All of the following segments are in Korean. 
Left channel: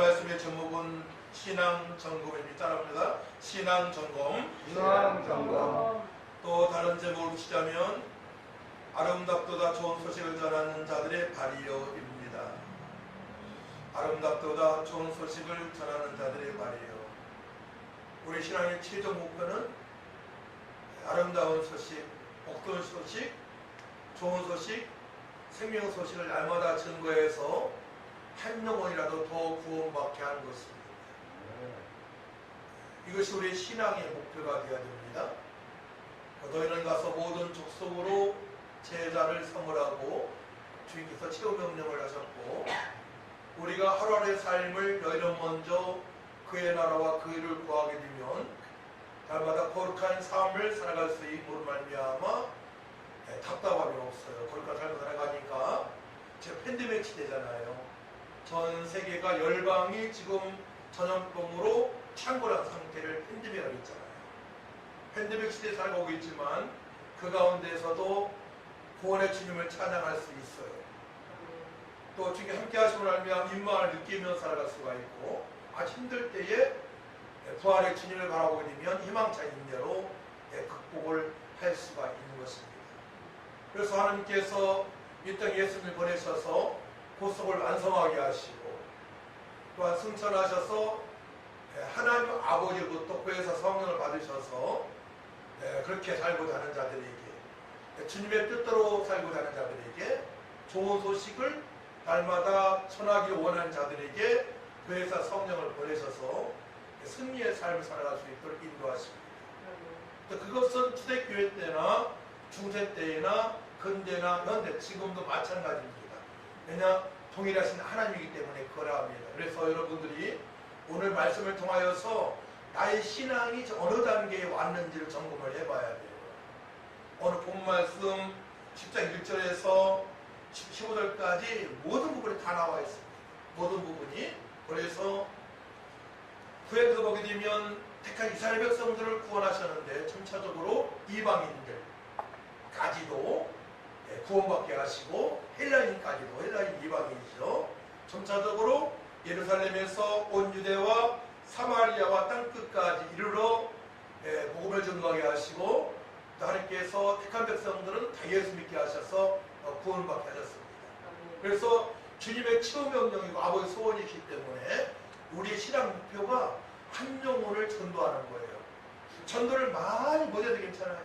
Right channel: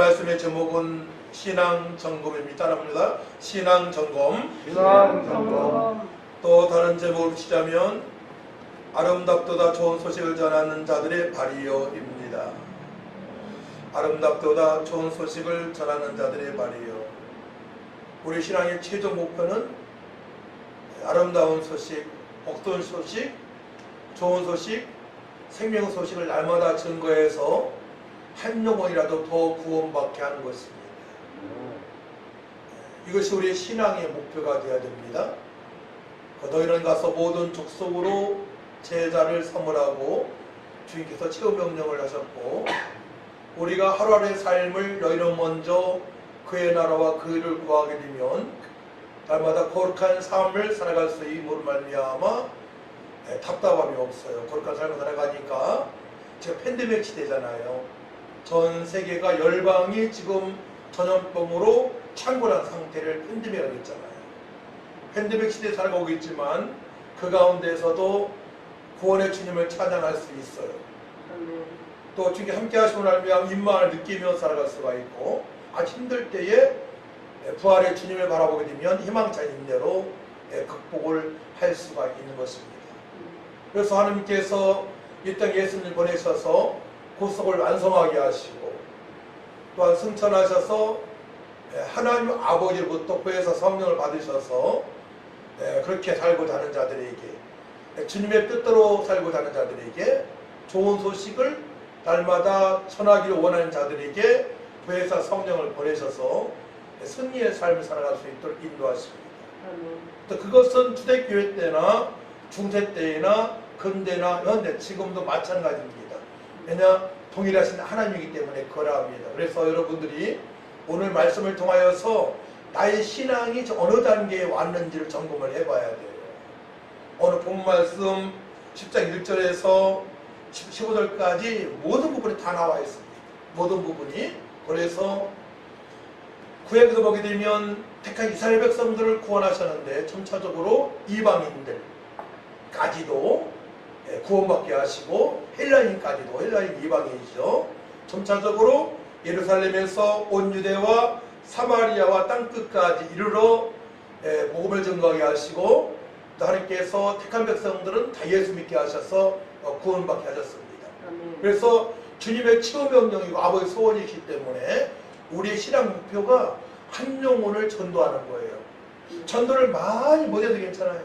말씀의 제목은 신앙점검입니다. 따라합니다. 신앙점검. 신앙점검. 또 다른 제목을 붙이자면 아름답도다 좋은 소식을 전하는 자들의 발이요입니다. 아름답도다 좋은 소식을 전하는 자들의 발이요. 우리 신앙의 최종 목표는 아름다운 소식, 복된 소식, 좋은 소식, 생명 소식을 날마다 증거해서 한 영혼이라도 더 구원받게 하는 것입니다. 이것이 우리의 신앙의 목표가 되어야 됩니다. 너희는 가서 모든 족속으로 제자를 삼으라고 주님께서 최후 명령을 하셨고, 우리가 하루하루의 삶을 너희는 먼저 그의 나라와 그 일을 구하게 되면 날마다 거룩한 삶을 살아갈 수 있음으로 말미암아 답답함이 없어요. 거룩한 삶을 살아가니까. 지금 팬데믹 시대잖아요. 전 세계가 열방이 지금 전염병으로 창궐한 상태를 팬데믹이라고 했잖아요. 팬데믹 시대에 살아가고 있지만 그 가운데서도 구원의 주님을 찬양할 수 있어요. 또 주님께 함께 하시고 나면 임망을 느끼며 살아갈 수가 있고, 아주 힘들 때에 부활의 주님을 바라보게 되면 희망찬 인내로 극복을 할 수가 있는 것입니다. 그래서 하나님께서 이 땅에 예수님을 보내셔서 구속을 완성하게 하시고, 또한 승천하셔서 하나님 아버지로부터 구해서 성령을 받으셔서 그렇게 살고자 하는 자들에게, 주님의 뜻대로 살고자 하는 자들에게, 좋은 소식을 날마다 전하기를 원하는 자들에게 구해서 성령을 보내셔서 승리의 삶을 살아갈 수 있도록 인도하십니다. 또 그것은 초대교회 때나 중세 때나 근대나 현대, 지금도 마찬가지입니다. 왜냐? 동일하신 하나님이기 때문에 그러합니다. 그래서 여러분들이 오늘 말씀을 통하여서 나의 신앙이 어느 단계에 왔는지를 점검을 해봐야 돼요. 오늘 본 말씀 10장 1절에서 15절까지 모든 부분이 다 나와 있습니다. 모든 부분이. 그래서 구약에서 보게 되면 택한 이스라엘 백성들을 구원하셨는데 점차적으로 이방인들까지도 구원받게 하시고, 헬라인까지도, 헬라인 이방인이죠. 점차적으로 예루살렘에서 온 유대와 사마리아와 땅끝까지 이르러 복음을 증거하게 하시고, 또 하나님께서 택한 백성들은 다 예수 믿게 하셔서 구원받게 하셨습니다. 그래서 주님의 최후 명령이고 아버지의 소원이기 때문에 우리의 신앙 목표가 한 영혼을 전도하는 거예요. 전도를 많이 못해도 괜찮아요.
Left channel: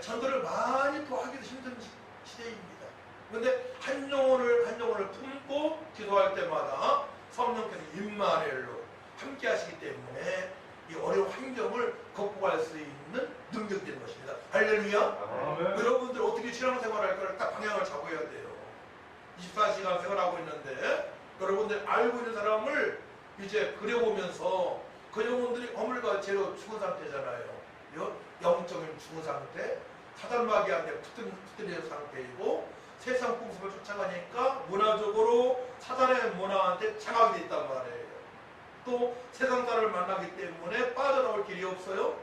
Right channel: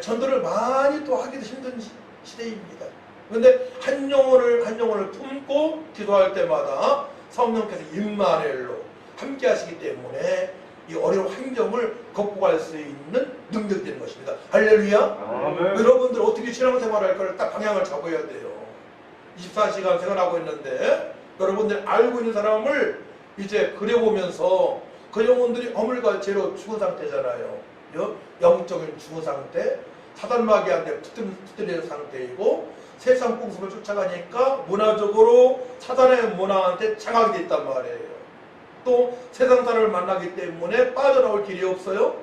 전도를 많이 또 하기도 힘든 시대입니다. 그런데 한 영혼을 품고 기도할 때마다 성령께서 임마누엘로 함께 하시기 때문에 이 어려운 환경을 극복할 수 있는 능력이 되는 것입니다. 할렐루야. 아멘. 여러분들 어떻게 신앙생활할 걸 딱 방향을 잡아야 돼요. 24시간 생활하고 있는데 여러분들 알고 있는 사람을 이제 그려보면서 그 영혼들이 어물과제로 죽은 상태잖아요. 영적인 죽은 상태, 사단마귀한테 붙들리는 상태이고, 세상 풍습을 쫓아가니까 문화적으로 사단의 문화한테 장악이 돼 있단 말이에요. 또 세상 사람을 만나기 때문에 빠져나올 길이 없어요.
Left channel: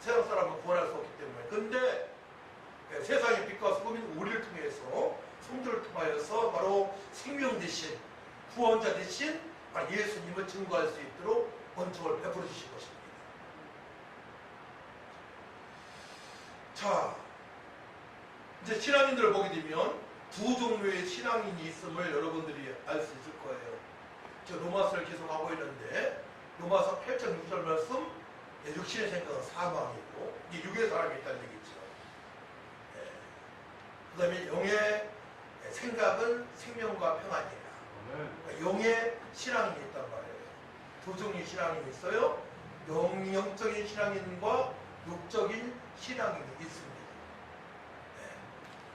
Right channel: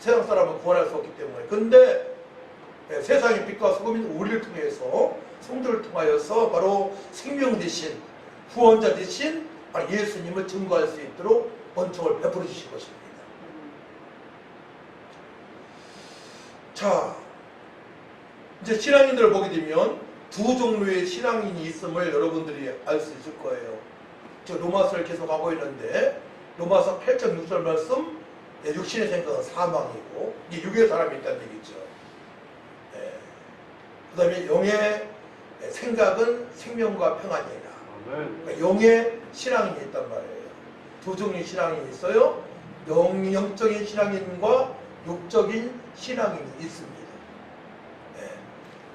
세상 사람은 구원할 수 없기 때문에. 근데 세상의 빛과 소금인 우리를 통해서, 성도를 통하여서 바로 생명 대신, 구원자 대신 바로 예수님을 증거할 수 있도록 원통을 베풀어 주신 것입니다. 자, 이제 신앙인들을 보게 되면 두 종류의 신앙인이 있음을 여러분들이 알 수 있을 거예요. 저 로마서를 계속 하고 있는데, 로마서 8장 6절 말씀, 육신의 생각은 사망이고, 이게 육의 사람이 있다는 얘기죠. 그 다음에 영의 생각은 생명과 평안이라. 그러니까 영의 신앙인이 있단 말이에요. 두 종류의 신앙인이 있어요. 영적인 신앙인과 육적인 신앙인이 있습니다.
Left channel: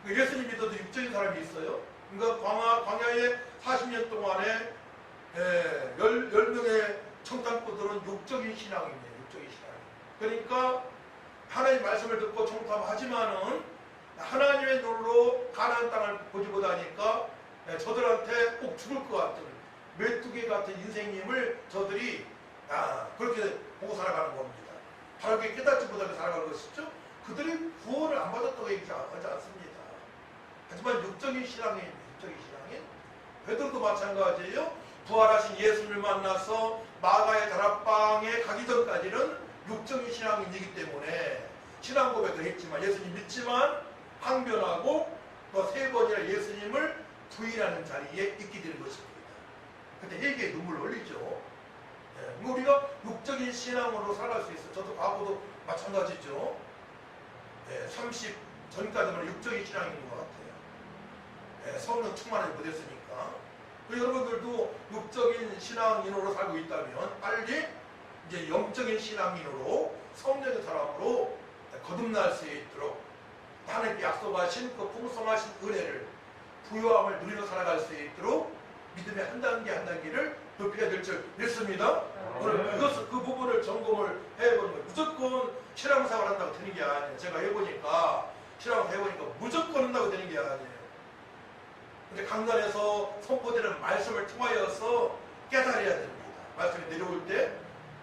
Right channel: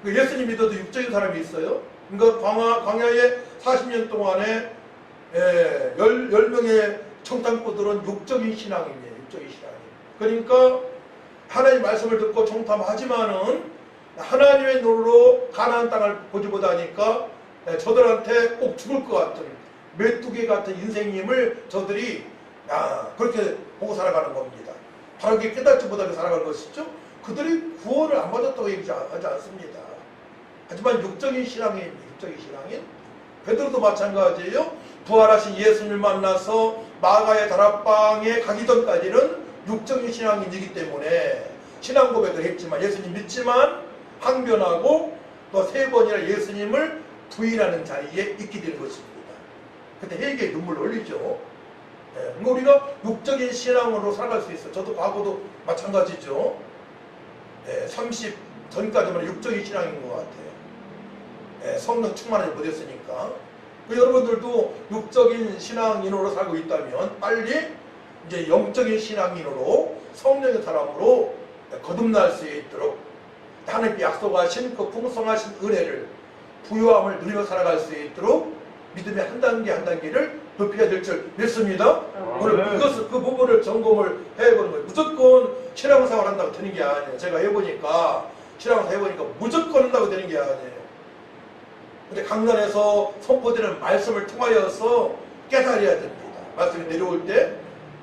예수님 믿어도 육적인 사람이 있어요. 그러니까 광야에 40년 동안에 10명의 청탐꾼들은 육적인 신앙인이에요. 육적인 신앙인. 그러니까 하나님의 말씀을 듣고 청탐하지만은 하나님의 눈으로 가나안 땅을 보지 못하니까 저들한테 꼭 죽을 것 같은 메뚜기 같은 인생임을 저들이 그렇게 보고 살아가는 겁니다. 바로 그게 깨닫지 못하게 살아가는 것이죠. 그들이 구원을 안 받았다고 얘기하지 않습니다. 하지만 육적인 신앙인, 육적인 신앙인, 베드로도 마찬가지예요. 부활하신 예수님을 만나서 마가의 다락방에 가기 전까지는 육적인 신앙인이기 때문에 신앙 고백을 했지만 예수님 믿지만 항변하고 또 3번이나 예수님을 부인하는 자리에 있게 되는 것입니다. 그때 회개의 눈물 흘리죠. 예, 우리가 육적인 신앙으로 살아갈 수 있어요. 저도 과거도 마찬가지죠. 30 전까지만 육적인 신앙인 것 같아요. 성령 충만하지 못했으니까. 여러분들도 육적인 신앙인으로 살고 있다면 빨리 이제 영적인 신앙인으로 성령의 사람으로 거듭날 수 있도록 하나님께 약속하신 그 풍성하신 은혜를 부유함을 누리며 살아갈 수 있도록 믿음의 한 단계 한 단계를 높여야 될 줄 믿습니다. 오늘 그 부분을 점검을 해보는 거예요. 무조건 신앙생활 한다고 되는 게 아니에요. 제가 해보니까 신앙생활 해보니까 무조건 한다고 되는 게 아니에요. 근데 강단에서 선포되는 말씀을 통하여서 깨달아야 됩니다. 말씀이 내려올 때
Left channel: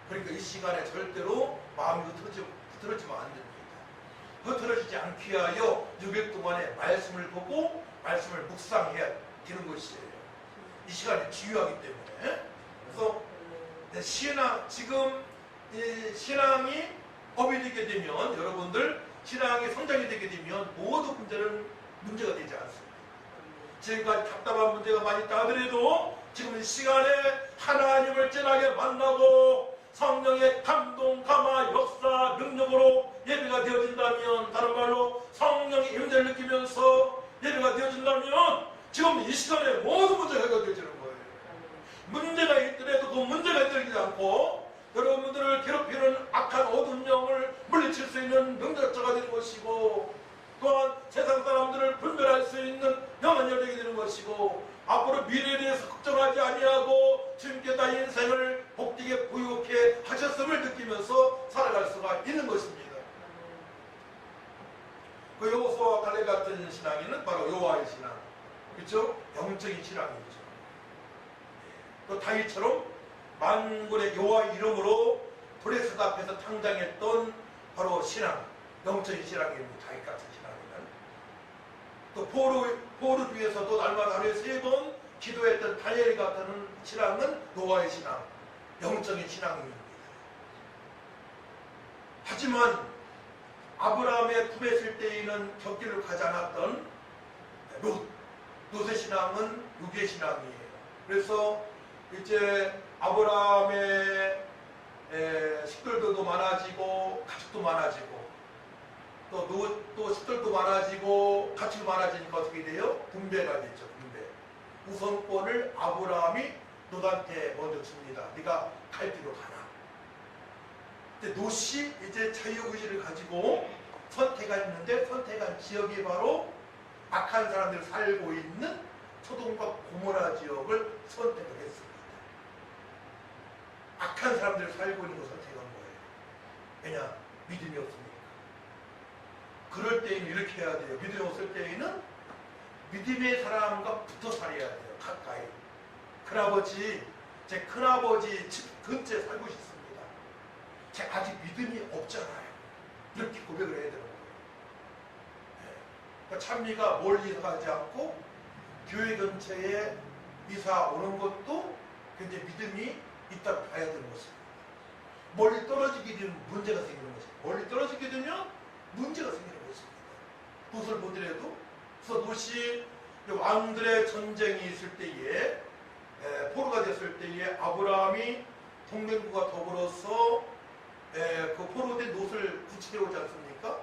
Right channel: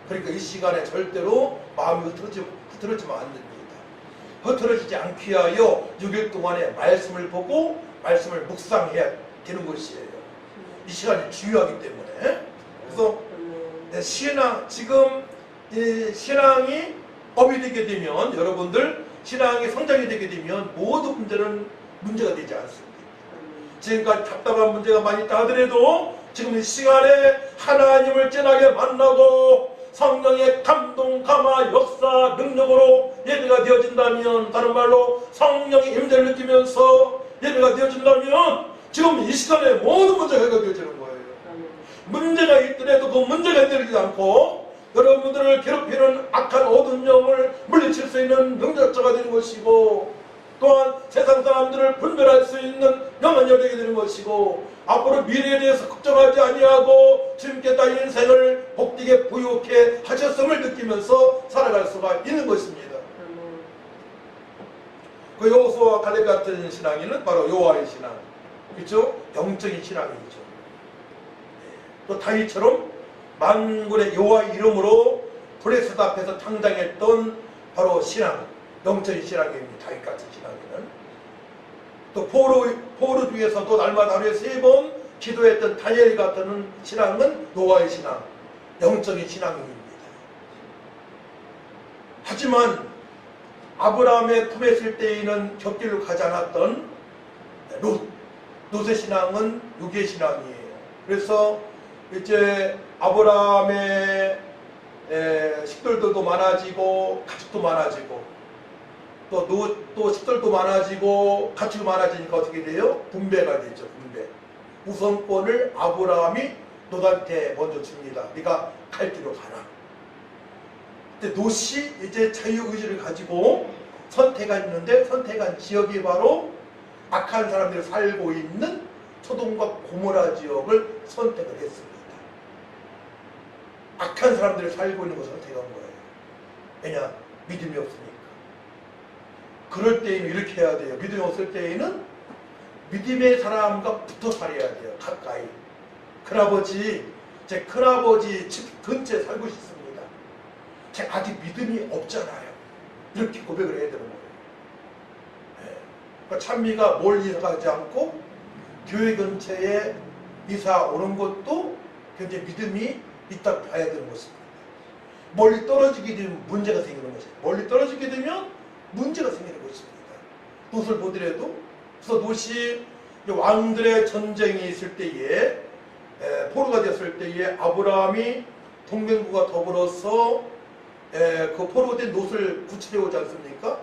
그러니까 이 시간에 절대로 마음이 흐트러지면 안 됩니다. 흐트러지지 않기 위하여 6일 동안에 말씀을 보고 말씀을 묵상해야 되는 것이에요. 이 시간이 중요하기 때문에. 그래서 지금 이 신앙이 업이 되게 되면 여러분들 신앙이 성장이 되게 되면 모든 문제가 되지 않습니다. 지금까지 답답한 문제가 많이 있다 하더라도 지금 이 시간에 하나님을 진하게 만나고 성령의 감동, 감화, 역사, 능력으로 예배가 되어진다면, 다른 말로 성령의 임재를 느끼면서 예배가 되어진다면 지금 이 시간에 모든 문제가 해결되어지는 거예요. 문제가 있더라도 그 문제가 해결되지 않고 여러분들을 괴롭히는 악한 어두운 영을 물리칠 수 있는 능력자가 되는 것이고, 또한 세상 사람들을 분별할 수 있는 영은 열리게 되는 것이고, 앞으로 미래에 대해서 걱정하지 아니하고 주님께서 인생을 복되게 부유하게 하셨음을 느끼면서 살아갈 수가 있는 것입니다. 그 여호수아와 갈렙 같은 신앙인은 바로 여호와의 신앙, 그렇죠? 영적인 신앙이죠. 또 다윗처럼 만군의 여호와의 이름으로 브레스드 앞에서 당당했던 바로 신앙, 영적인 신앙입니다. 다윗 같은 신앙이는. 또 포로 중에서도 날마다 하루에 3번 기도했던 다니엘 같은 신앙은 노아의 신앙, 영적인 신앙입니다. 하지만 아브라함의 품에 있을 때에는 곁길로 가지 않았던 롯의 신앙은 육의 신앙이에요. 그래서 이제 아브라함의 식돌들도 많아지고 가축도 많아지고 또 식돌도 많아지고 가축이 많아지니까 어떻게 돼요? 분배가 되죠. 분배. 우선권을 아브라함이 롯한테 먼저 줍니다. 네가 갈 길로 가라. 근데 롯이 이제 자유의지를 가지고 선택했는데 선택한 지역이 바로 악한 사람들이 살고 있는 소돔과 고모라 지역을 선택을 했습니다. 악한 사람들이 살고 있는 것을 선택한 거예요. 왜냐? 믿음이 없으니까. 그럴 때에는 이렇게 해야 돼요. 믿음이 없을 때에는 믿음의 사람과 붙어 살아야 돼요. 가까이. 큰아버지, 제 큰아버지 집 근처에 살고 싶습니다. 제가 아직 믿음이 없잖아요. 이렇게 고백을 해야 되는 거예요. 그러니까 찬미가 멀리 가지 않고 교회 근처에 이사 오는 것도 굉장히 믿음이 있다 봐야 되는 것입니다. 멀리 떨어지게 되면 문제가 생기는 것입니다. 멀리 떨어지게 되면 문제가 생기는 것입니다. 롯을 보더라도, 그래서 롯이 왕들의 전쟁이 있을 때에 포로가 됐을 때에 아브라함이 동맹국과 더불어서 그 포로가 된 롯을 구출해 오지 않습니까?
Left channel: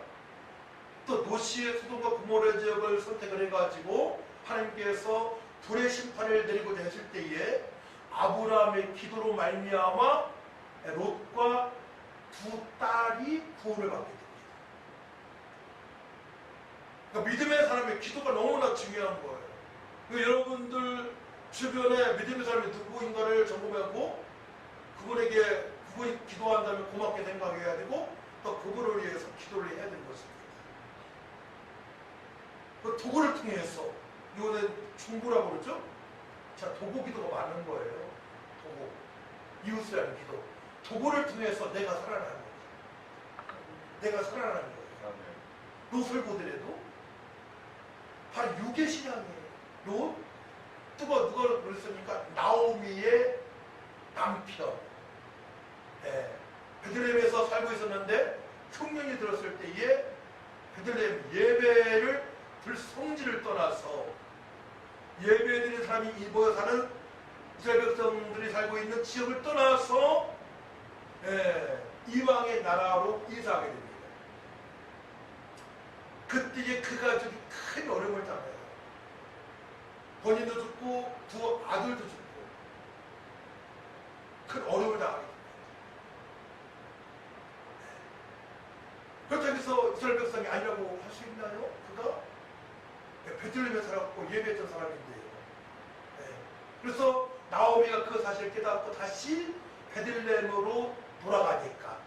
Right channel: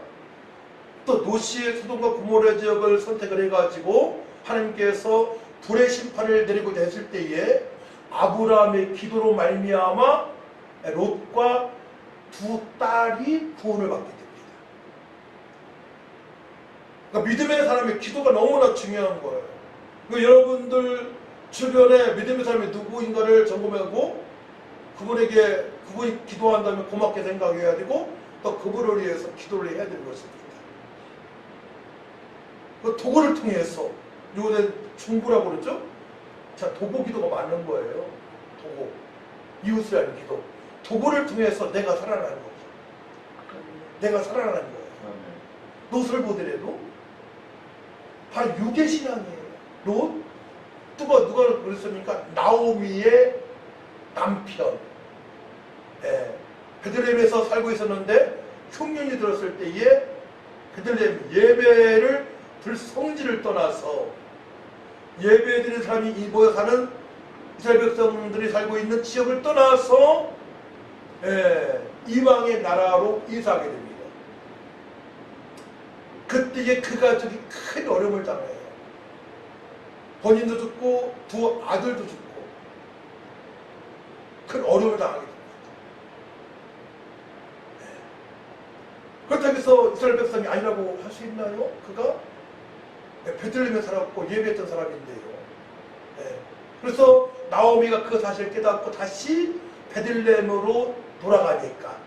또 롯이 소돔과 고모라 지역을 선택을 해가지고 하나님께서 불의 심판을 내리고자 했을 때에 아브라함의 기도로 말미암아 롯과 2딸이 구원을 받게 됩니다. 그러니까 믿음의 사람의 기도가 너무나 중요한 거예요. 그러니까 여러분들 주변에 믿음의 사람이 누구인가를 점검하고 그분이 기도한다면 고맙게 생각해야 되고 또 그분을 위해서 기도를 해야 되는 것입니다. 그 도구를 통해서 요새 중부라고 그러죠? 자, 도구 기도가 맞는 거예요. 도구. 이웃을 위한 기도. 도구를 통해서 내가 살아나는 거죠. 내가 살아나는 거예요. 롯을 보더라도 바로 육의 신앙이에요. 롯 누가 그랬습니까? 나오미의 남편. 예, 베들레헴에서 살고 있었는데 흉년이 들었을 때에 베들레헴 예배를 들 성지를 떠나서 예배드리는 사람이 모여 사는 이스라엘 백성들이 살고 있는 지역을 떠나서 이방의 나라로 이사하게 됩니다. 그때에 그 가족이 큰 어려움을 당해요. 본인도 죽고 두 아들도 죽고 큰 어려움을 당하게 됩니다. 그렇다고 해서 이스라엘 백성이 아니라고 할 수 있나요? 그가 베들레헴에 살았고 예배했던 사람인데요. 그래서 나오미가 그 사실을 깨닫고 다시 베들레헴으로 돌아가니까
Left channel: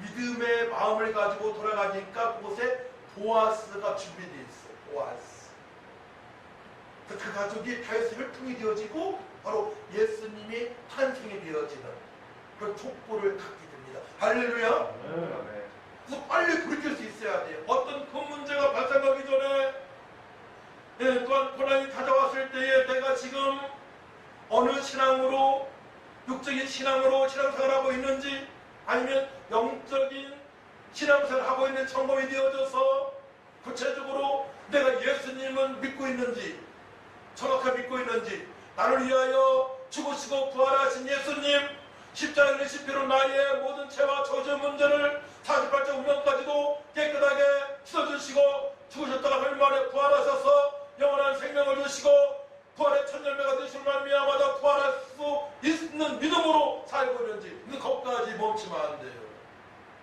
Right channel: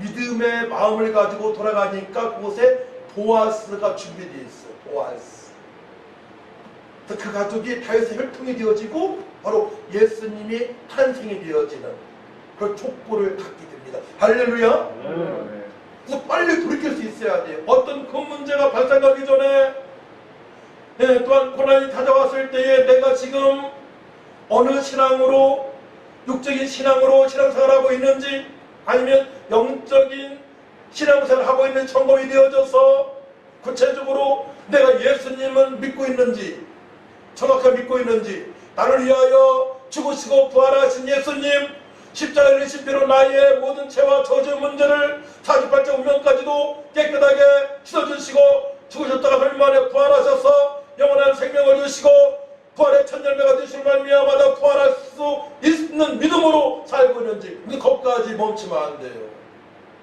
믿음의 마음을 가지고 돌아가니까 그곳에 보아스가 준비되어 있어요. 보아스. 그래서 그 가족이 다윗의 혈통이 되어지고 바로 예수님이 탄생이 되어지는 그 촉구를 갖게 됩니다. 할렐루야. 그래서 빨리 돌이킬 수 있어야 돼요. 어떤 큰 문제가 발생하기 전에 또한 고난이 찾아왔을 때에 내가 지금 어느 신앙으로 육적인 신앙으로 신앙생활하고 있는지 아니면 영적인 신앙생활을 하고 있는 점검이 되어져서 구체적으로 내가 예수님은 믿고 있는지 정확하게 믿고 있는지 나를 위하여 죽으시고 부활하신 예수님 십자가의 십자로 나의 모든 죄와 저주의 문제를 48자 운명까지도 깨끗하게 씻어주시고 죽으셨다가 흘 만에 부활하셔서 영원한 생명을 주시고 부활의 첫 열매가 되신 말미암아 부활할 수 있는 믿음으로 살고 있는지 거기까지 멈추면 안 돼요.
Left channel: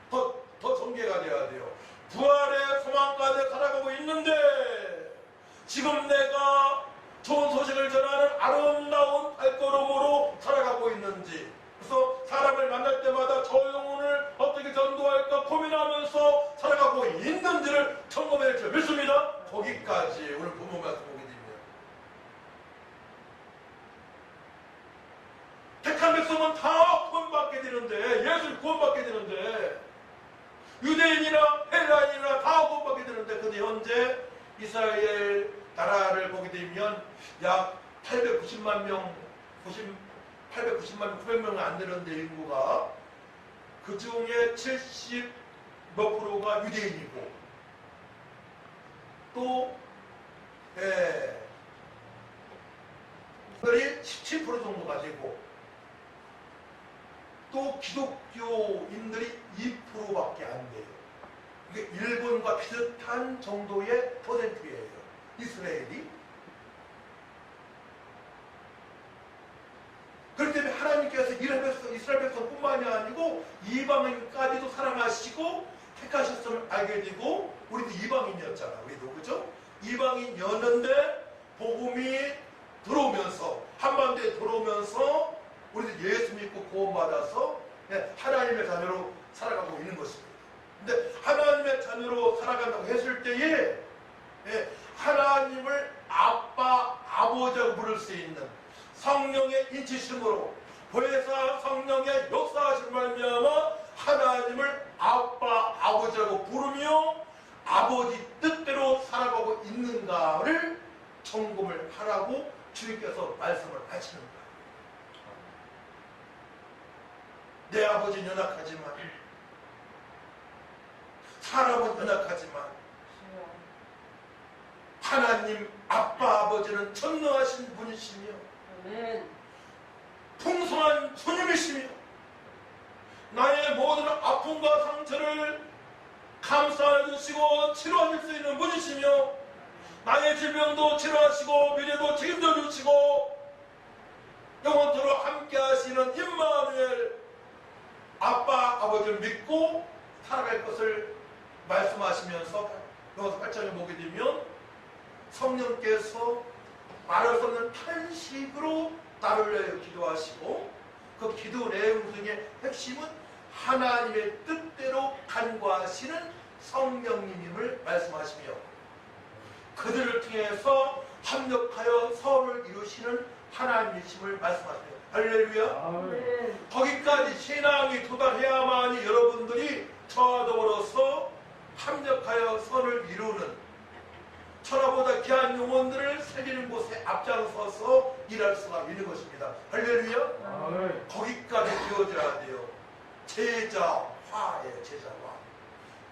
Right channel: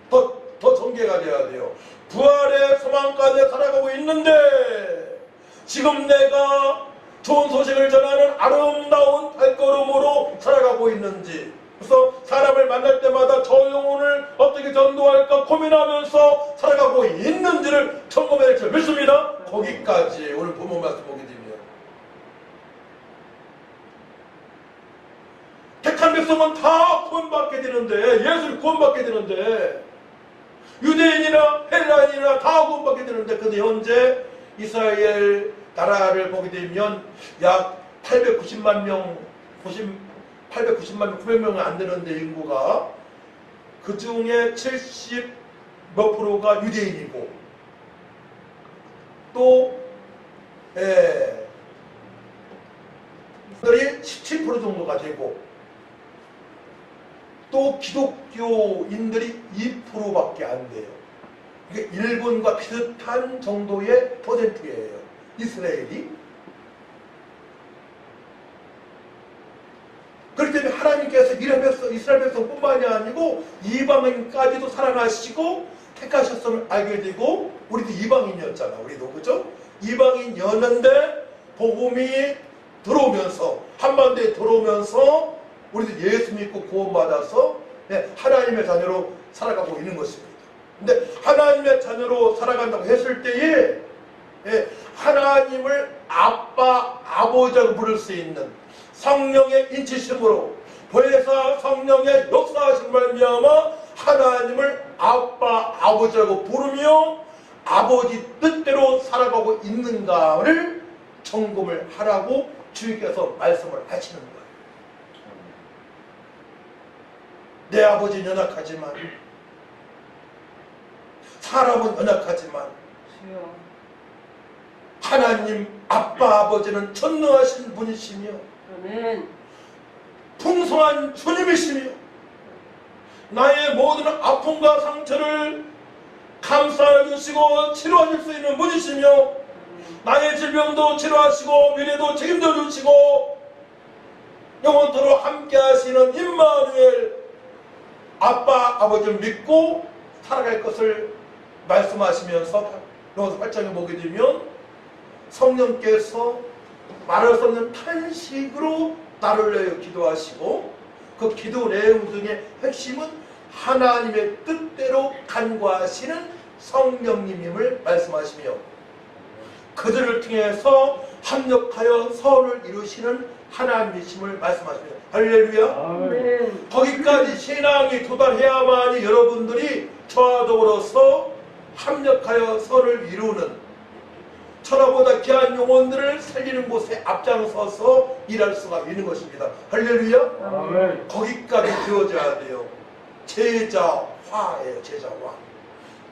더 전개가 돼야 돼요. 부활의 소망까지 살아가고 있는데 지금 내가 좋은 소식을 전하는 아름다운 발걸음으로 살아가고 있는지 그래서 사람을 만날 때마다 저 영혼을 어떻게 전도할까 고민하면서 살아가고 있는지를 점검해야 될 믿습니다. 거기까지 오늘 본문 말씀 보게 되면 택한 백성은 다 구원받게 되는데 예수를 구원받게 되는데 유대인이나 헬라인이나 다 구원받게 되는데 근데 현재 이스라엘 나라를 보게 되면 약 890만 명 890만 명, 900명이 안 되는데 인구가 그 중에 70 몇 프로가 유대인이고 또 들이 17% 정도가 되고 또 기독교인들이 2%밖에 안 돼요. 이게 일본과 비슷한 정도의 퍼센트예요. 이스라엘이. 그렇기 때문에 하나님께서 이스라엘 백성뿐만이 아니고 이방인까지도 사랑하시고 택하셨음을 알게 되고 우리도 이방인이었잖아. 우리도 그죠? 이방인이었는데 복음이 들어오면서 한반도에 들어오면서 우리도 예수 믿고 구원받아서 하나님의 자녀로 살아가고 있는 것입니다. 근데 하나님의 자녀로 살아간다고 했을 때에 하나님을 아빠, 아버지라고 부를 수 있는 성령의 인치심으로 보혜사 성령의 역사하신 말미암아 하나님을 아빠, 아버지라고 부르며 아버지 뜻대로 살아가고 있는가를 점검을 하라고 주님께서 말씀을 하시는 거예요. 내 아버지는 연약하지만 사람은 연약하지만 하나님 아빠 아버지는 전능하신 분이시며 아멘. 풍성한 주님이시며 나의 모든 아픔과 상처를 감싸 주시고 치료하실 수 있는 분이시며 나의 질병도 치료하시고 미래도 책임져 주시고 영원토록 함께 하시는 임마누엘 아빠 아버지를 믿고 살아갈 것을 말씀하시면서 로마서 8장에 보게 되면 성령께서 말할 수 없는 탄식으로 나를 내어 기도하시고 그 기도 내용 중에 핵심은 하나님의 뜻대로 간구하시는 성령님임을 말씀하시며 그들을 통해서 합력하여 선을 이루시는 하나님이심을 말씀하십니다. 할렐루야. 아멘. 거기까지 신앙이 도달해야만이 여러분들이 저와 더불어서 합력하여 선을 이루는 천하보다 귀한 영혼들을 살리는 곳에 앞장서서 일할 수가 있는 것입니다. 할렐루야. 아멘. 거기까지 되어져야 돼요. 제자화예요. 제자화.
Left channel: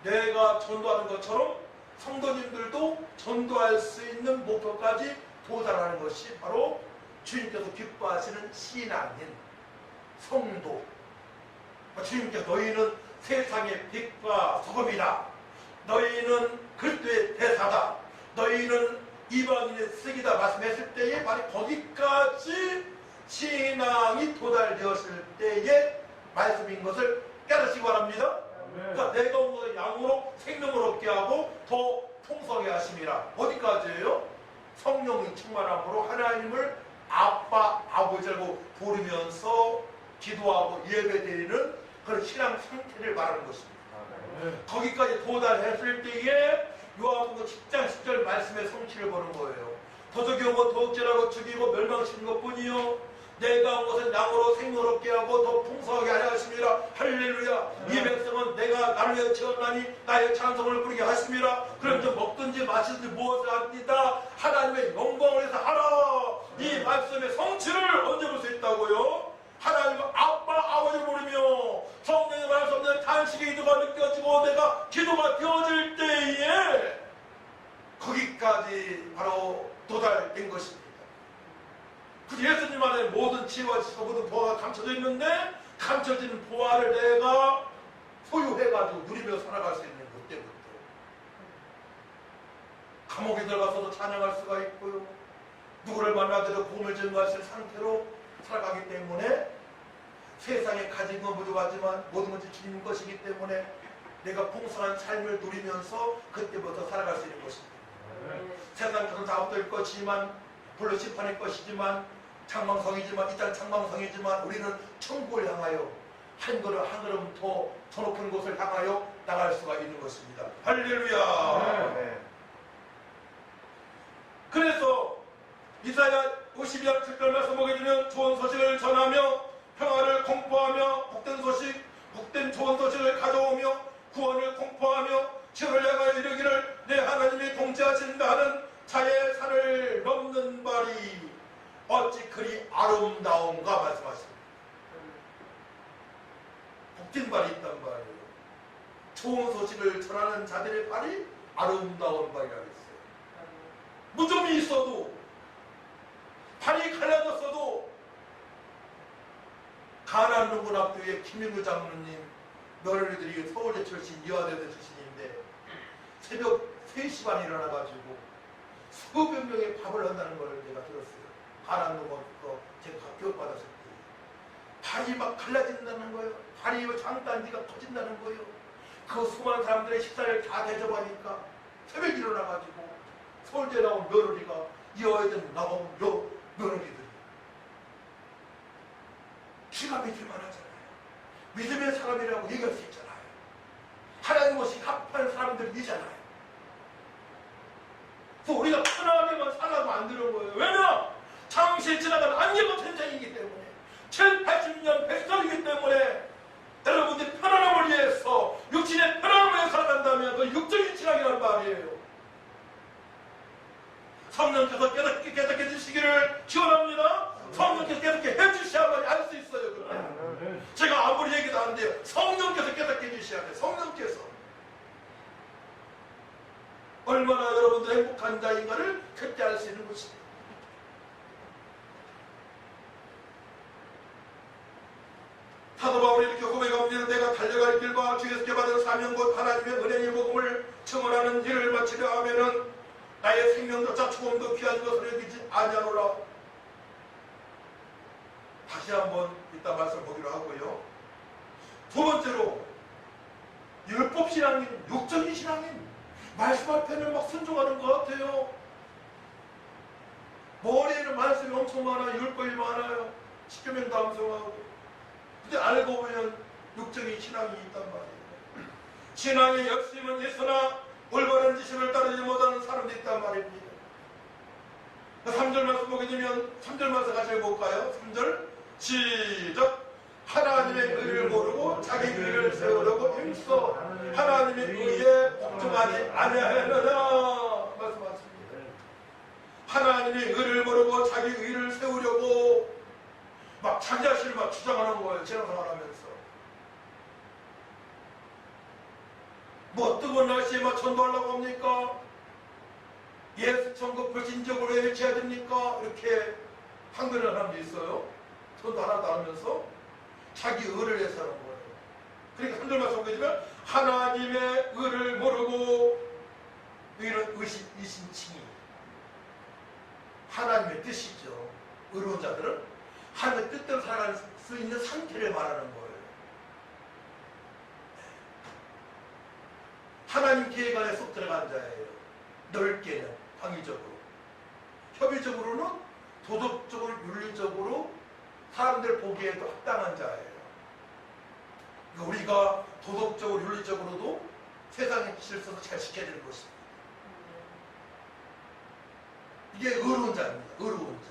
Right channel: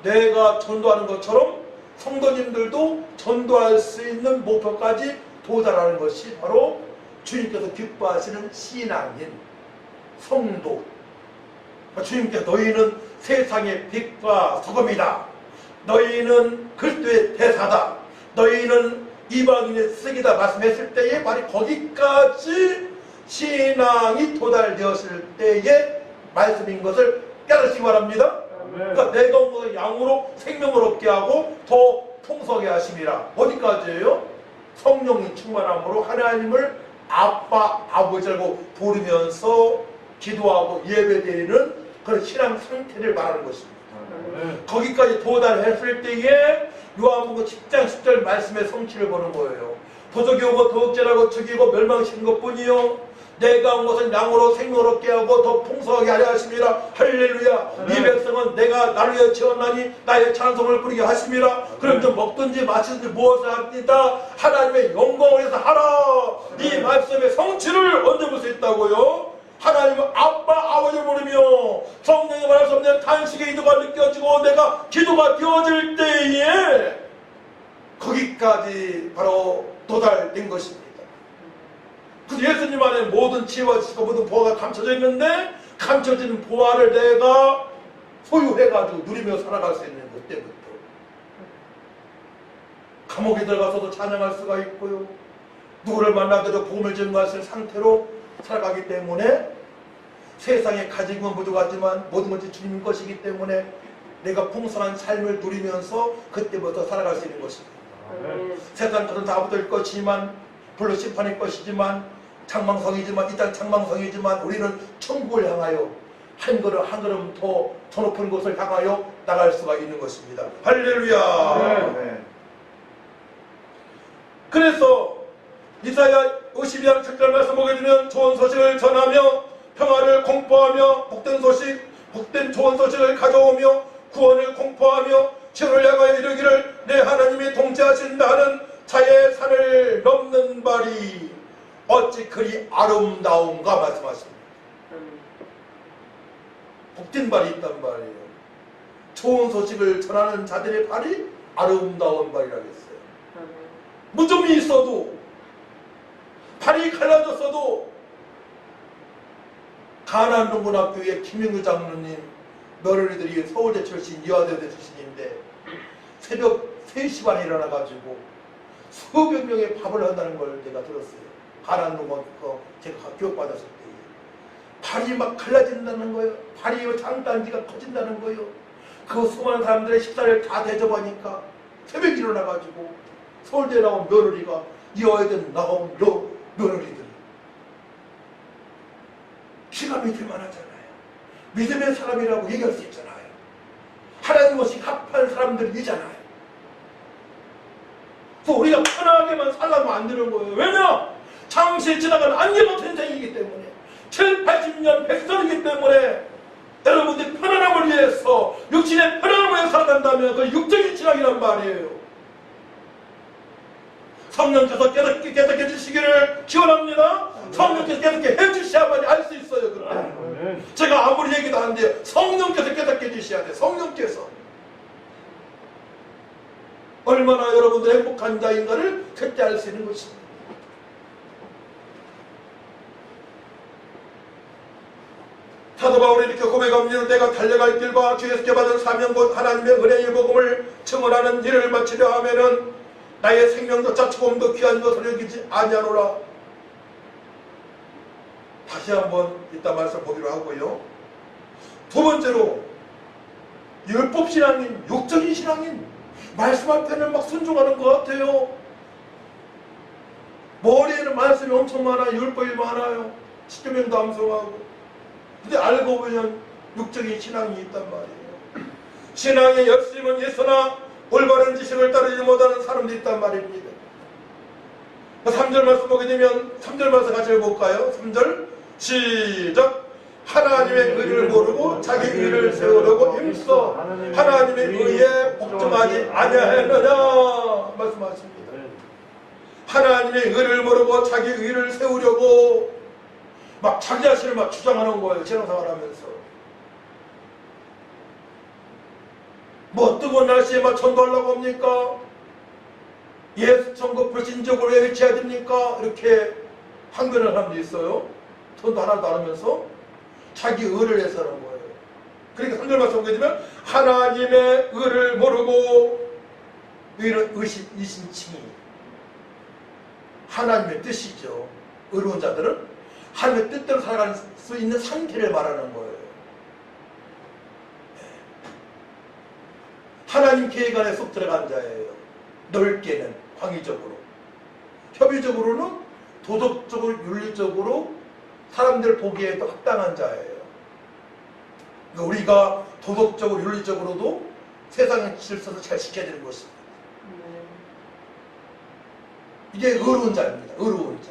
내가 전도하는 것처럼 성도님들도 전도할 수 있는 목표까지 도달하는 것이 바로 주님께서 기뻐하시는 신앙인 성도. 주님께서 너희는 세상의 빛과 소금이다. 너희는 그리스도의 대사다. 너희는 이방인의 쓰기다 말씀했을 때에 바로 거기까지 신앙이 도달되었을 때의 말씀인 것을 깨닫시기 바랍니다. 그러니까 내가 온 것을 양으로 생명을 얻게 하고 더 풍성하게 하심이라. 어디까지예요? 성령이 충만함으로 하나님을 아빠, 아버지라고 부르면서 기도하고 예배드리는 그런 신앙 상태를 말하는 것입니다. 거기까지 도달했을 때에 요한복음 10장 10절 말씀의 성취를 보는 거예요. 도적이 오고 도둑질하고 죽이고 멸망시키는 것뿐이요 내가 온 것은 양으로 생명을 얻게 하고 더 풍성하게 하려 하심이라. 할렐루야. 이 백성은 내가 나를 위하여 지었나니 나의 찬송을 부르게 하심이라. 그럼 좀 먹든지 마시든지 무엇을 합니다. 하나님의 영광을 위해서 하라. 이 말씀의 성취를 언제 볼 수 있다고요? 하나님은 아빠, 아버지를 부르며 성령의 말할 수 없는 탄식의 기도가 느껴지고 내가 기도가 되어질 때에 거기까지 바로 도달된 것입니다. 그 예수님 안에 모든 지혜와 지식과 모든 보화가 감춰져 있는데 감춰진 보화를 내가 소유해가지고 누리며 살아갈 수 있는 그때부터 감옥에 들어가서도 찬양할 수가 있고요. 누구를 만나더라도 복음을 전가할 수 있는 상태로 살아가기 때문에 세상에 가진 건 부족하지만 모든 것이 주님 것이기 때문에 내가 풍성한 삶을 누리면서 그때부터 살아갈 수 있는 것입니다. 세상 것은 다 붙을 것이지만 불로 심판일 것이지만 장망성이지만 이 땅 장망성이지만 우리는 천국을 향하여 한 걸음 한 걸음 더 높은 곳을 향하여 나갈 수가 있는 것입니다. 할렐루야. 네. 그래서 이사야 52장 7절 말씀 보게 되면 좋은 소식을 전하며 평화를 공포하며 복된 소식, 복된 좋은 소식을 가져오며 구원을 공포하며 지구를 향하여 이르기를 내 하나님이 통치하신다는 자의 산을 넘는 발이 어찌 그리 아름다운가 말씀하십니다. 복된 발이 있단 말이에요. 좋은 소식을 전하는 자들의 발이 아름다운 발이라고 했어요. 무좀이 있어도 발이 갈라졌어도 가난농군학교의 김영규 장로님 며느리들이 서울대 출신, 이화대대 출신인데 새벽 3시 반에 일어나가지고 수백 명의 밥을 한다는 걸 제가 들었어요. 가난농군 제가 교육받았을 때 발이 막 갈라진다는 거예요. 발이 장단지가 커진다는 거예요. 그 수많은 사람들의 식사를 다 대접하니까 새벽에 일어나가지고 서울대에 나온 며느리가 이화여대 나온 며느리들이 기가 믿을만 하잖아요. 믿음의 사람이라고 얘기할 수 있잖아요. 하나님 없이 합한 사람들이잖아요. 또 우리가 편하게만 살라면 안 되는 거예요. 왜냐? 잠시 지나간 안개 같은 생이기 때문에 7, 80년 백성이기 때문에 여러분들이 편안함을 위해서 육신의 편안함을 위해서 살아간다면 그 육적인 신앙이란 말이에요. 성령께서 깨닫게 해주시기를 기원합니다. 성령께서 깨닫게 해주셔야만 알 수 있어요. 그때 제가 아무리 얘기도 하는데요, 성령께서 깨닫게 해주셔야 돼요. 성령께서 얼마나 여러분들 행복한 자인가를 그때 알 수 있는 것입니다. 사도 바울이 이렇게 고백합니다. 내가 달려갈 길과 주에서 받은 사명 곧 하나님의 은혜의 복음을 증언하는 일을 마치려 하면은 나의 생명조차 조금도 귀한 것을 여기지 아니하노라. 다시 한번 이따 말씀 보기로 하고요. 두 번째로 율법 신앙인, 육적인 신앙인, 말씀 앞에는 막 순종하는 것 같아요. 머리에는 말씀이 엄청 많아요. 율법이 많아요. 십계명도 암송하고. 근데 알고 보면 육적인 신앙이 있단 말이에요. 신앙의 열심은 있으나 올바른 지식을 따르지 못하는 사람도 있단 말입니다. 3절 말씀 보게 되면 3절 말씀 같이 해볼까요? 3절 시작. 하나님의 의를 모르고 자기 의를 세우려고 힘써 하나님의 의에 복종하지 아니하느냐 말씀하십니다. 하나님의 의를 모르고 자기 의를 세우려고 막 자기 자신을 막 주장하는 거예요. 신앙생활 하면서. 뭐 뜨거운 날씨에 막 전도하려고 합니까? 예수 천국 불신적으로 왜 외쳐야 됩니까? 이렇게 항변하는 사람도 있어요. 전도 하나도 안 하면서 자기 의를 해서 하는 거예요. 그러니까 3절 말씀 보게 되면 하나님의 의를 모르고 의는 이신칭이 하나님의 뜻이죠. 의로운 자들은 하나님의 뜻대로 살아갈 수 있는 상태를 말하는 거예요. 하나님 계획 안에 쏙 들어간 자예요. 넓게는 광의적으로, 협의적으로는 도덕적으로, 윤리적으로 사람들 보기에도 합당한 자예요. 그러니까 우리가 도덕적으로, 윤리적으로도 세상의 질서도 잘 지켜야 되는 것입니다. 이게 의로운 자입니다. 의로운 자.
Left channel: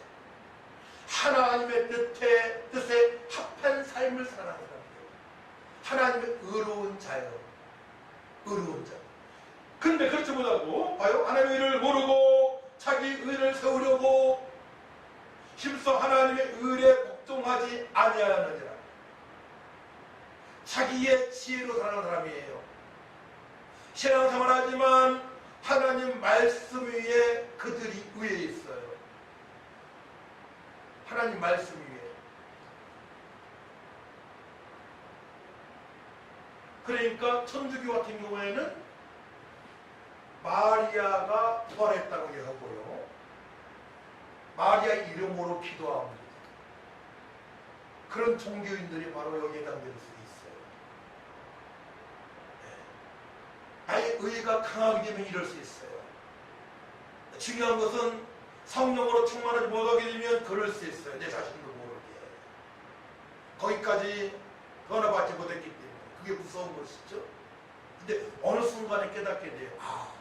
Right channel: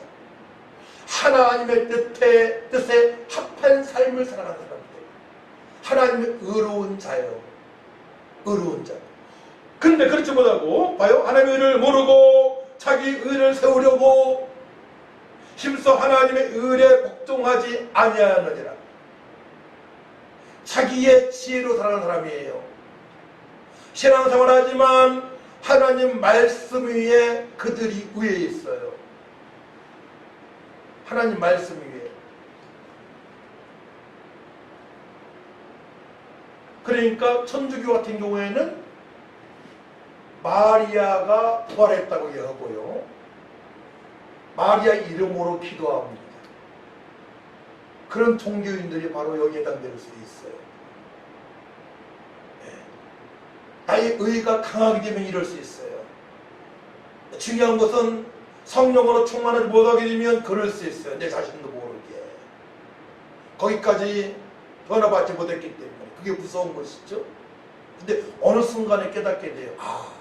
하나님의 뜻에 합한 삶을 살아가는 사람들. 하나님의 의로운 자예요. 의로운 자. 근데 그렇지 못하고 봐요. 하나님의 의를 모르고 자기 의를 세우려고 힘써 하나님의 의에 복종하지 아니하느니라. 자기의 지혜로 살아가는 사람이에요. 신앙생활하지만 하나님 말씀 위에 그들이 위에 있어요. 하나님 말씀 위에. 그러니까 천주교 같은 경우에는 마리아가 부활했다고 얘기하고요. 마리아 이름으로 기도합니다. 그런 종교인들이 바로 여기에 해당될 수 있어요. 나의 의가 강하게 되면 이럴 수 있어요. 중요한 것은 성령으로 충만하지 못하게 되면 그럴 수 있어요. 내 자신도 모르게. 거기까지 변화받지 못했기 때문에. 그게 무서운 것이죠. 근데 어느 순간에 깨닫게 돼요. 아,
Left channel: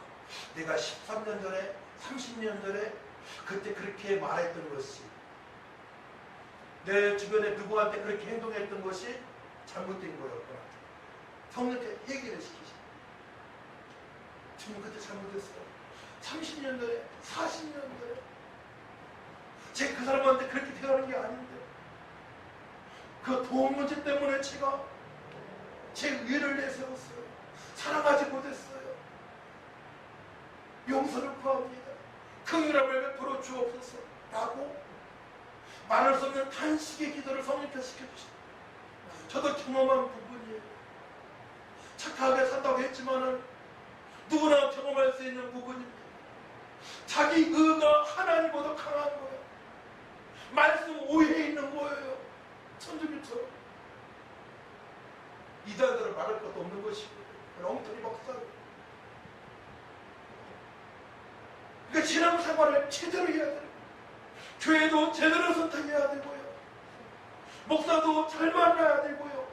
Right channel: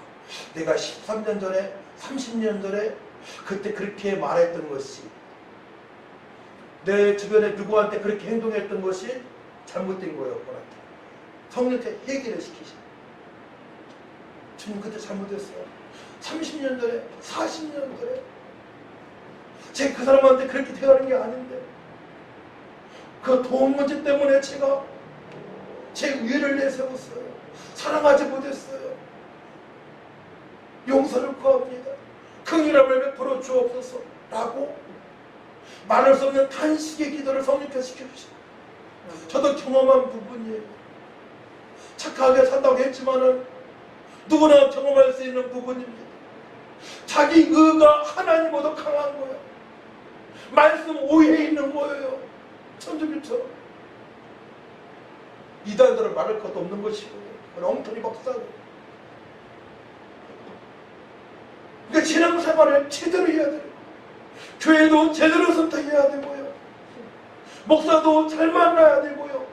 내가 13년 전에, 30년 전에 그때 그렇게 말했던 것이, 내 주변에 누구한테 그렇게 행동했던 것이 잘못된 거였구나. 성령께 해결을 시키시죠. 주님 그때 잘못했어요. 30년 전에, 40년 전에 제가 그 사람한테 그렇게 대하는 게 아닌데 그 돈 문제 때문에 제가 제 위를 내세웠어요. 사랑하지 못했어요. 용서를 구합니다. 긍휼함을 베풀어 주옵소서 라고 말할 수 없는 탄식의 기도를 성령께 시켜주시다. 저도 경험한 부분이에요. 착하게 산다고 했지만은 누구나 경험할 수 있는 부분입니다. 자기 의가 하나님보다 강한 거예요. 말씀 오해에 있는 거예요. 천주교처럼. 이단들은 말할 것도 없는 것이고요. 엉터리 박사고. 그러니까 신앙생활을 제대로 해야 돼요. 교회도 제대로 선택해야 되고요. 목사도 잘 만나야 되고요.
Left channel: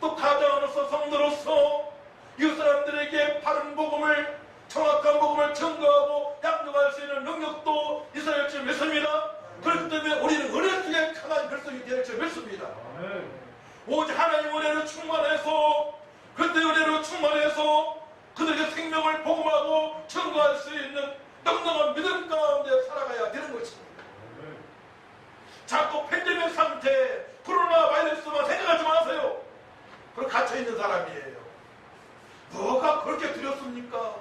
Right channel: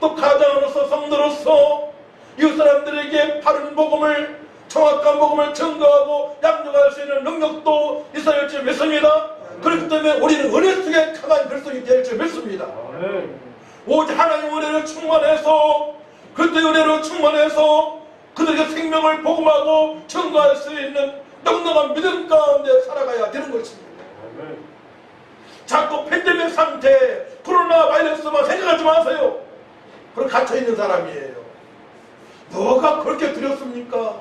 또 가장으로서 성도로서 이웃 사람들에게 바른 복음을, 정확한 복음을 증거하고 양육할 수 있는 능력도 있어야 할 줄 믿습니다. 그렇기 때문에 우리는 은혜 속에 강한 결성이 될 줄 믿습니다. 오직 하나님 은혜로 충만해서, 그때 은혜로 충만해서 그들에게 생명을 복음하고 증거할 수 있는 넉넉한 믿음 가운데 살아가야 되는 것입니다. 자꾸 팬데믹 상태, 코로나 바이러스만 생각하지 마세요. 그럼 갇혀있는 사람이에요. 뭐가 그렇게 두렵습니까?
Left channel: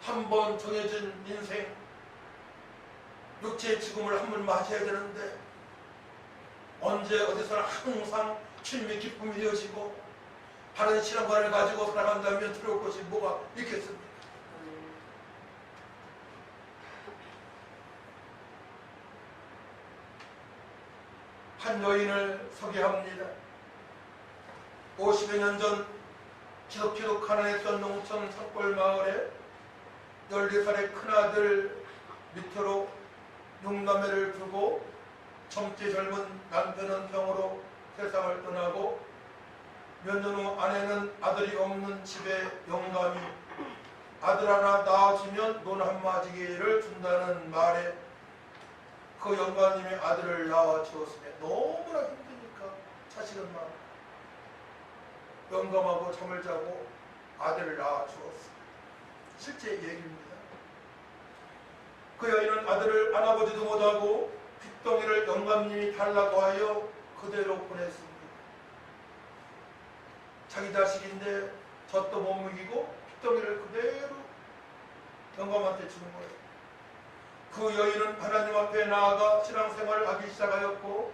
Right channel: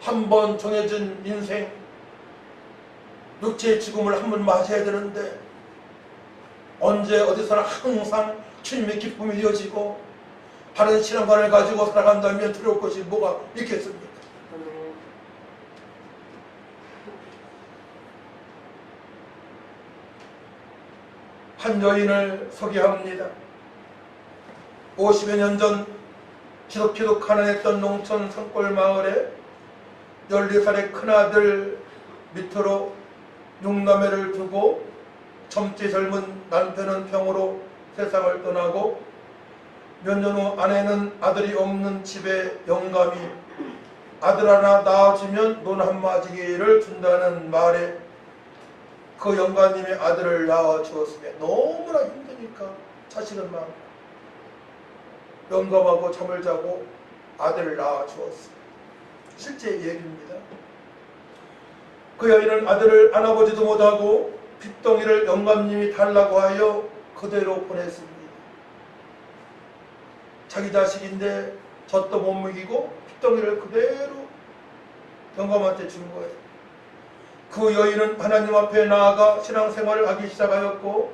한 번 정해진 인생, 육체의 죽음을 한 번 맞이해야 되는데 언제 어디서나 항상 주님의 기쁨이 이어지고 바른 신앙관을 가지고 살아간다면 두려울 것이 뭐가 있겠습니까? 한 여인을 소개합니다. 50여 년 전 지독히도 가난했던 농촌 산골 마을에 14살의 큰아들 밑으로 6남매를 두고 젊지 젊은 남편은 병으로 세상을 떠나고 몇 년 후 아내는 아들이 없는 집에 영감이 아들 하나 낳아주면 논 한 마지기를 준다는 말에 그 영감님이 아들을 낳아주었으며 너무나 힘드니까 자식은 막 영감하고 잠을 자고 아들을 낳아 주었습니다. 실제 얘기입니다. 그 여인은 아들을 안아보지도 못하고 핏덩이를 영감님이 달라고 하여 그대로 보냈습니다. 자기 자식인데 젖도 못 먹이고 핏덩이를 그대로 영감한테 준 거예요. 그 여인은 하나님 앞에 나아가 신앙생활을 하기 시작하였고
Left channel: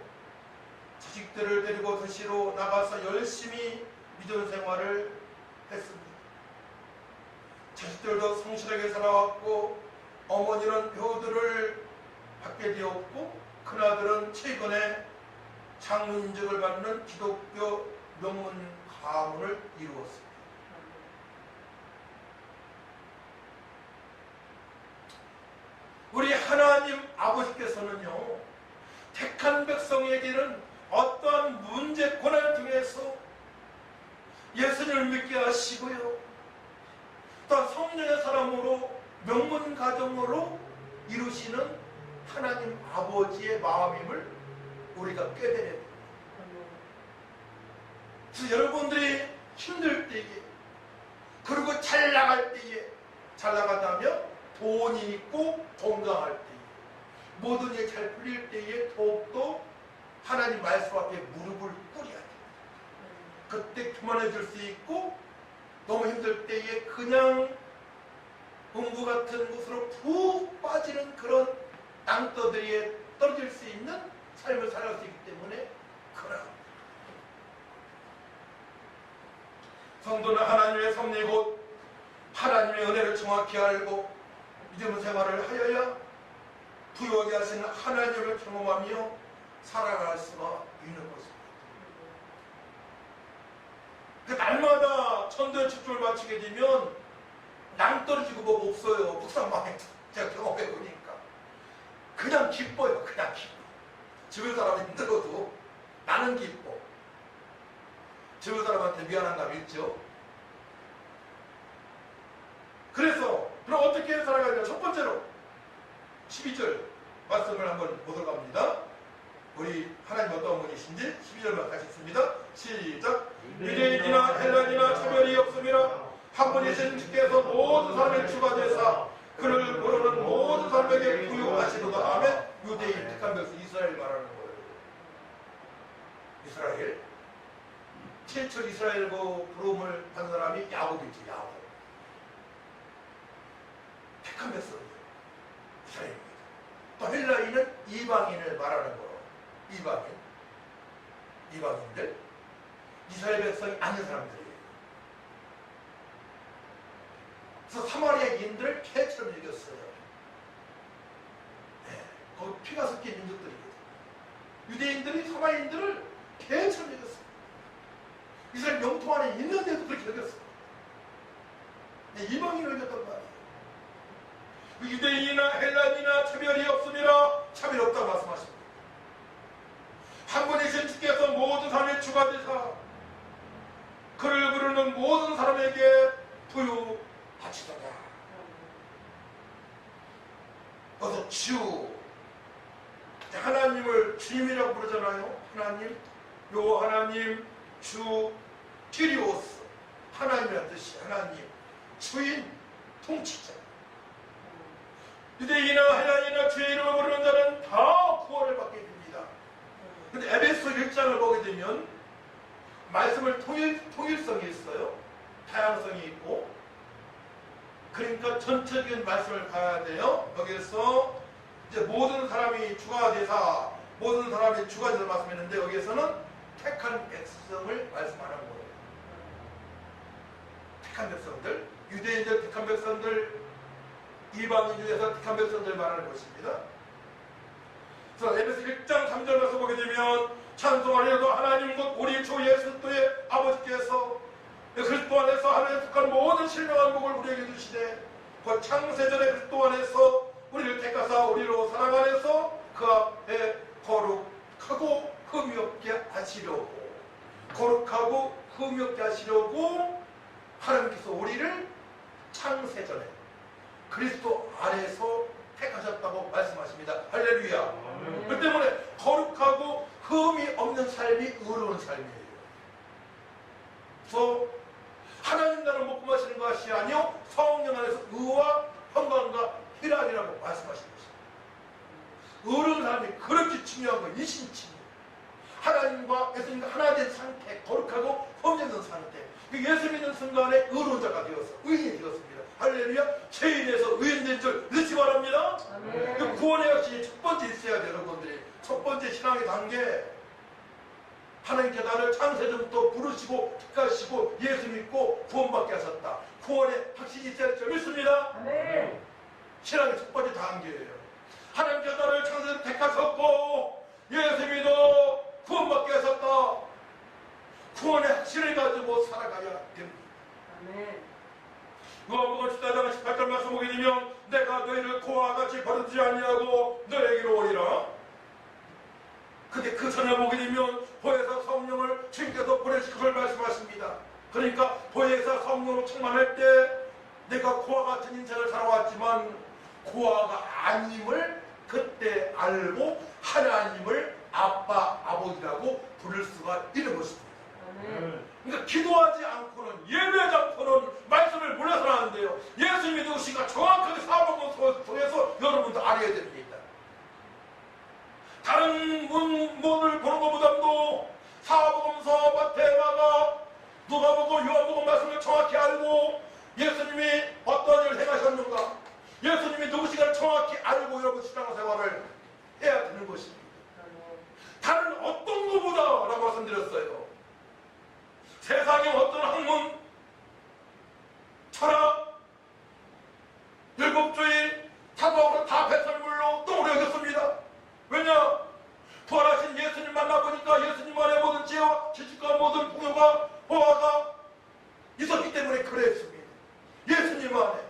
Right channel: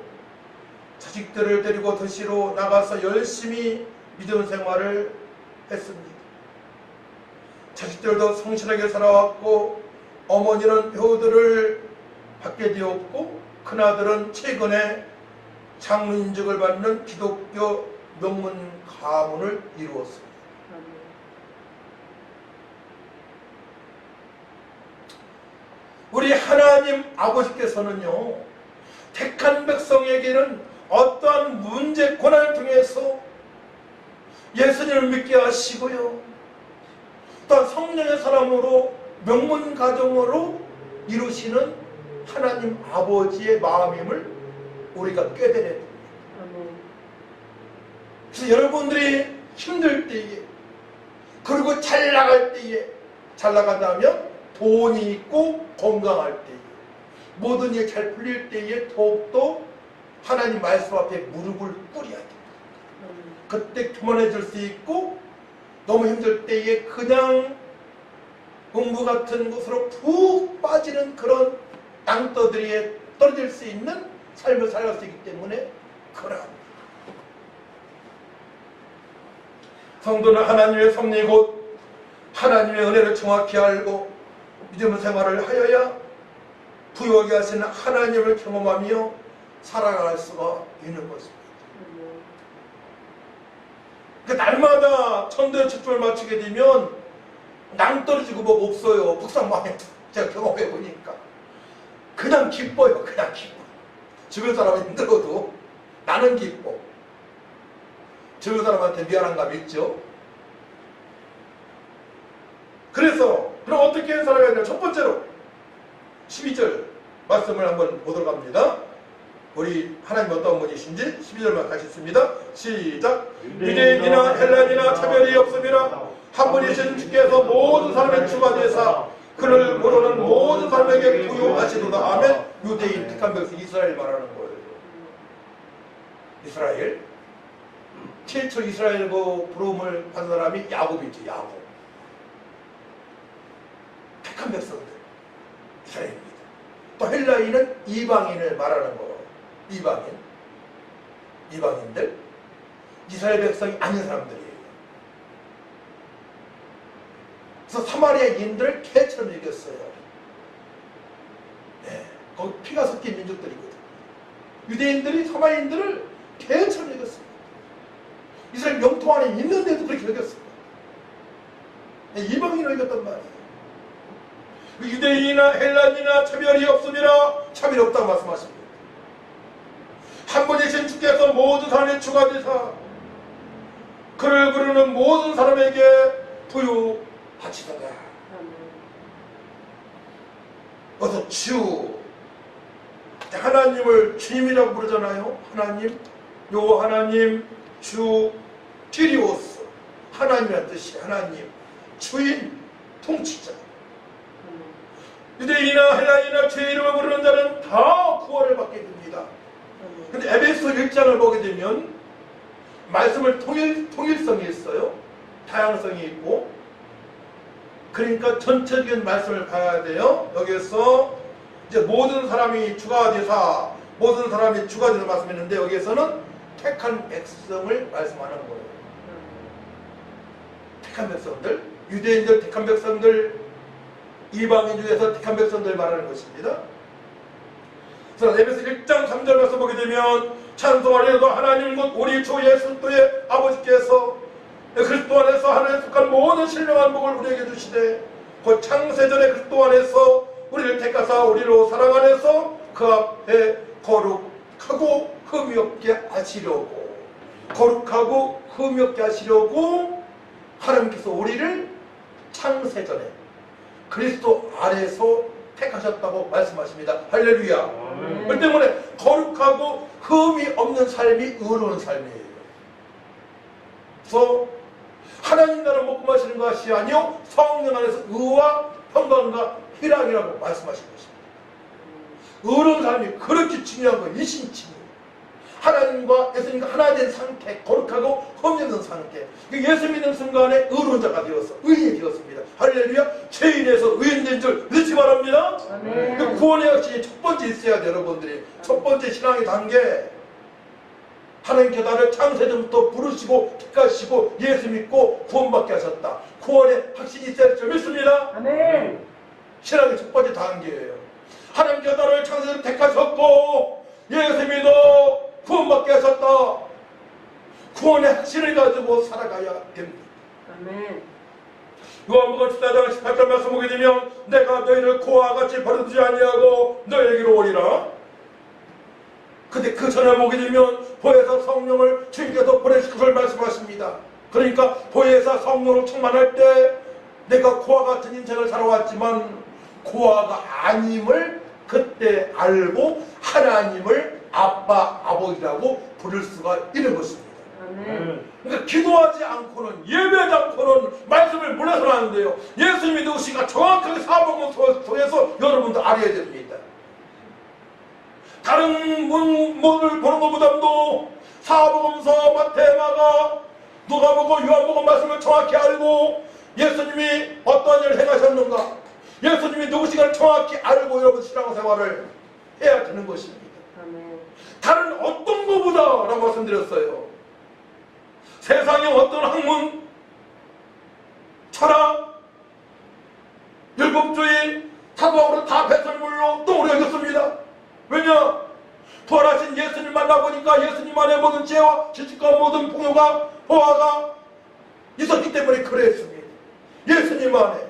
자식들을 데리고 도시로 나가서 열심히 믿음 생활을 했습니다. 자식들도 성실하게 살아왔고 어머니는 효도를 받게 되었고 큰아들은 최근에 장인직을 받는 기독교 명문 가문을 이루었습니다. 우리 하나님 아버지께서는요, 택한 백성에게는 어떠한 문제, 고난을 통해서 예수님을 믿게 하시고요, 또한 성령의 사람으로 명문 가정으로 이루시는 하나님 아버지의 마음임을 우리가 깨달아야 됩니다. 그래서 여러분들이 힘들 때에, 그리고 잘 나갈 때에, 잘 나간다면 돈이 있고 건강할 때에, 모든 일 잘 풀릴 때에 더욱더 하나님 말씀 앞에 무릎을 꿇어야 됩니다. 그때 교만해질 수 있고, 너무 힘들 때에 그냥 음부 같은 곳으로 푹 빠지는 그런 땅떠들이에 떨어질 수 있는 삶을 살아갈 수 있기 때문에 그러합니다. 성도는 하나님의 섭리 곧 하나님의 은혜를 정확히 알고 믿음 생활을 하여야 부유하게 하시는 하나님을 경험하며 살아갈 수가 있는 것입니다. 그 날마다 천도의 집중을 마치게 되면 낭떠러지고 뭐 없어요. 북상망에 제가 경험해 보니까 그냥 기뻐요. 그냥 기뻐. 주변 사람은 힘들어도 나는 기뻐. 주변 사람한테 미안한 감 있죠. 그래서 그럼 어떻게 살아가야 되냐? 첫 번째로 12절 말씀을 한번 보도록 합니다. 우리 하나님 어떤 분이신지 12절만 같이 읽습니다. 시작. 유대인이나 헬라인이나 차별이 없음이라 한 분이신 주께서 모든 사람의 주가 되사 그를 모르는 모든 사람에게 부요하시도다. 아멘. 유대인 택한 백성 이스라엘 말하는 거예요. 이스라엘. 최초 이스라엘 그 부름을 받은 사람이 야곱이죠. 야곱. 택한 백성들 이스라엘입니다. 또 헬라인은 이방인을 말하는 거예요. 이방인들, 이스라엘 백성이 아닌 사람들이에요. 그래서 사마리아인들을 개처럼 이겼어요. 네, 거기 피가 섞인 민족들이거든요. 유대인들이 사마리아인들을 개처럼 이겼습니다. 이스라엘 영토 안에 있는데도 그렇게 이겼습니다. 네, 이방인을 이겼단 말이에요. 유대인이나 헬라인이나 차별이 없음이라. 차별이 없다고 말씀하십니다. 한 분이신 주께서 모든 사람의 주가 되사 그를 부르는 모든 사람에게 부유하시도다. 그래서 주, 하나님을 주님이라고 부르잖아요. 하나님, 요 하나님, 주, 키리오스, 하나님이라는 뜻이 하나님, 주인, 통치자. 유대인이나 헬라인이나 주의 이름을 부르는 자는 다 구원을 받게 됩니다. 근데 에베소 1장을 보게 되면 말씀을 통일성이 있어요. 다양성이 있고. 그러니까 전체적인 말씀을 봐야 돼요. 여기에서 이제 모든 사람이 주가 되사, 모든 사람이 주가 되사 말씀했는데 여기에서는 택한 백성을 말씀하는 거예요. 택한 백성들, 유대인들 택한 백성들, 이방인 중에서 택한 백성들 말하는 것입니다. 그래서 에베소 1장 3절 말씀 보게 되면 찬송하리로도 하나님 곧 우리 주 예수 그리스도의 아버지께서 그리스도 안에서 하나님에 속한 모든 신령한 복을 우리에게 주시되 곧 창세전에 그리스도 안에서 우리를 택하사 우리로 사랑 안에서 그 앞에 거룩하고 흠이 없게 하시려고, 거룩하고 흠이 없게 하시려고 하나님께서 우리를 창세전에 그리스도 안에서 택하셨다고 말씀하십니다. 할렐루야. 그 때문에 거룩하고 흠이 없는 삶이 의로운 삶이에요. 그래서 하나님 나라 먹고 마시는 것이 아니요 성령 안에서 의와 평강과 희락이라고 말씀하신 것입니다. 의로운 사람이 그렇게 중요한 거예요. 이심칭. 하나님과 예수님과 하나 된 상태, 거룩하고 흠없는 상태. 예수 믿는 순간에 의로운 자가 되어서 의인이 되었습니다. 할렐루야. 죄인에서 의인된 줄 믿지 바랍니다. 아멘. 구원의 확신이 첫 번째 있어야 돼요. 여러분들이 첫 번째 신앙의 단계. 하나님께 나를 창세전부터 부르시고 택하시고 예수 믿고 구원받게 하셨다. 구원의 확신이 있어야 할 줄 믿습니다. 아멘. 신앙의 첫 번째 단계예요. 하나님께 나를 창세전부터 택하셨고 예수 믿어 구원받게 하셨다. 구원의 확신을 가지고 살아가야 됩니다. 아멘. 요한복음 14장 18절 말씀 보게 되면 내가 너희를 고와 같이 버려두지 아니하고 너희에게로 오리라. 근데 그 전에 보게 되면 보혜사 성령을 주님께서 보내실 것을 말씀하십니다. 그러니까 보혜사 성령으로 충만할 때 내가 고와 같은 인생을 살아왔지만 고아가 아님을 그때 알고 하나님을 아빠, 아버지라고 부를 수가 있는 것입니다. 아멘. 그러니까 기도하지 않고는 예배하지 않고는 말씀을 몰라서는 안 돼요. 예수님이 누구신가 정확하게 사복음 통해서 여러분도 알아야 됩니다. 다른 문을 보는 것보다도 사복음서, 마태, 마가, 누가복음, 요한복음 말씀을 정확히 알고 예수님이 어떤 일을 행하셨는가, 예수님이 누구신가를 정확히 알고 여러분 신앙생활을 해야 되는 것입니다. 아멘. 다른 어떤 것보다라고 말씀드렸어요. 세상의 어떤 학문, 철학, 율법주의, 사도학으로 다 배설물로 똥으로 여겼습니다. 왜냐? 부활하신 예수님 만나보니까 예수님 안에 모든 죄와 지식과 모든 풍요가 보화가 있었기 때문에 그랬습니다. 예수님 안에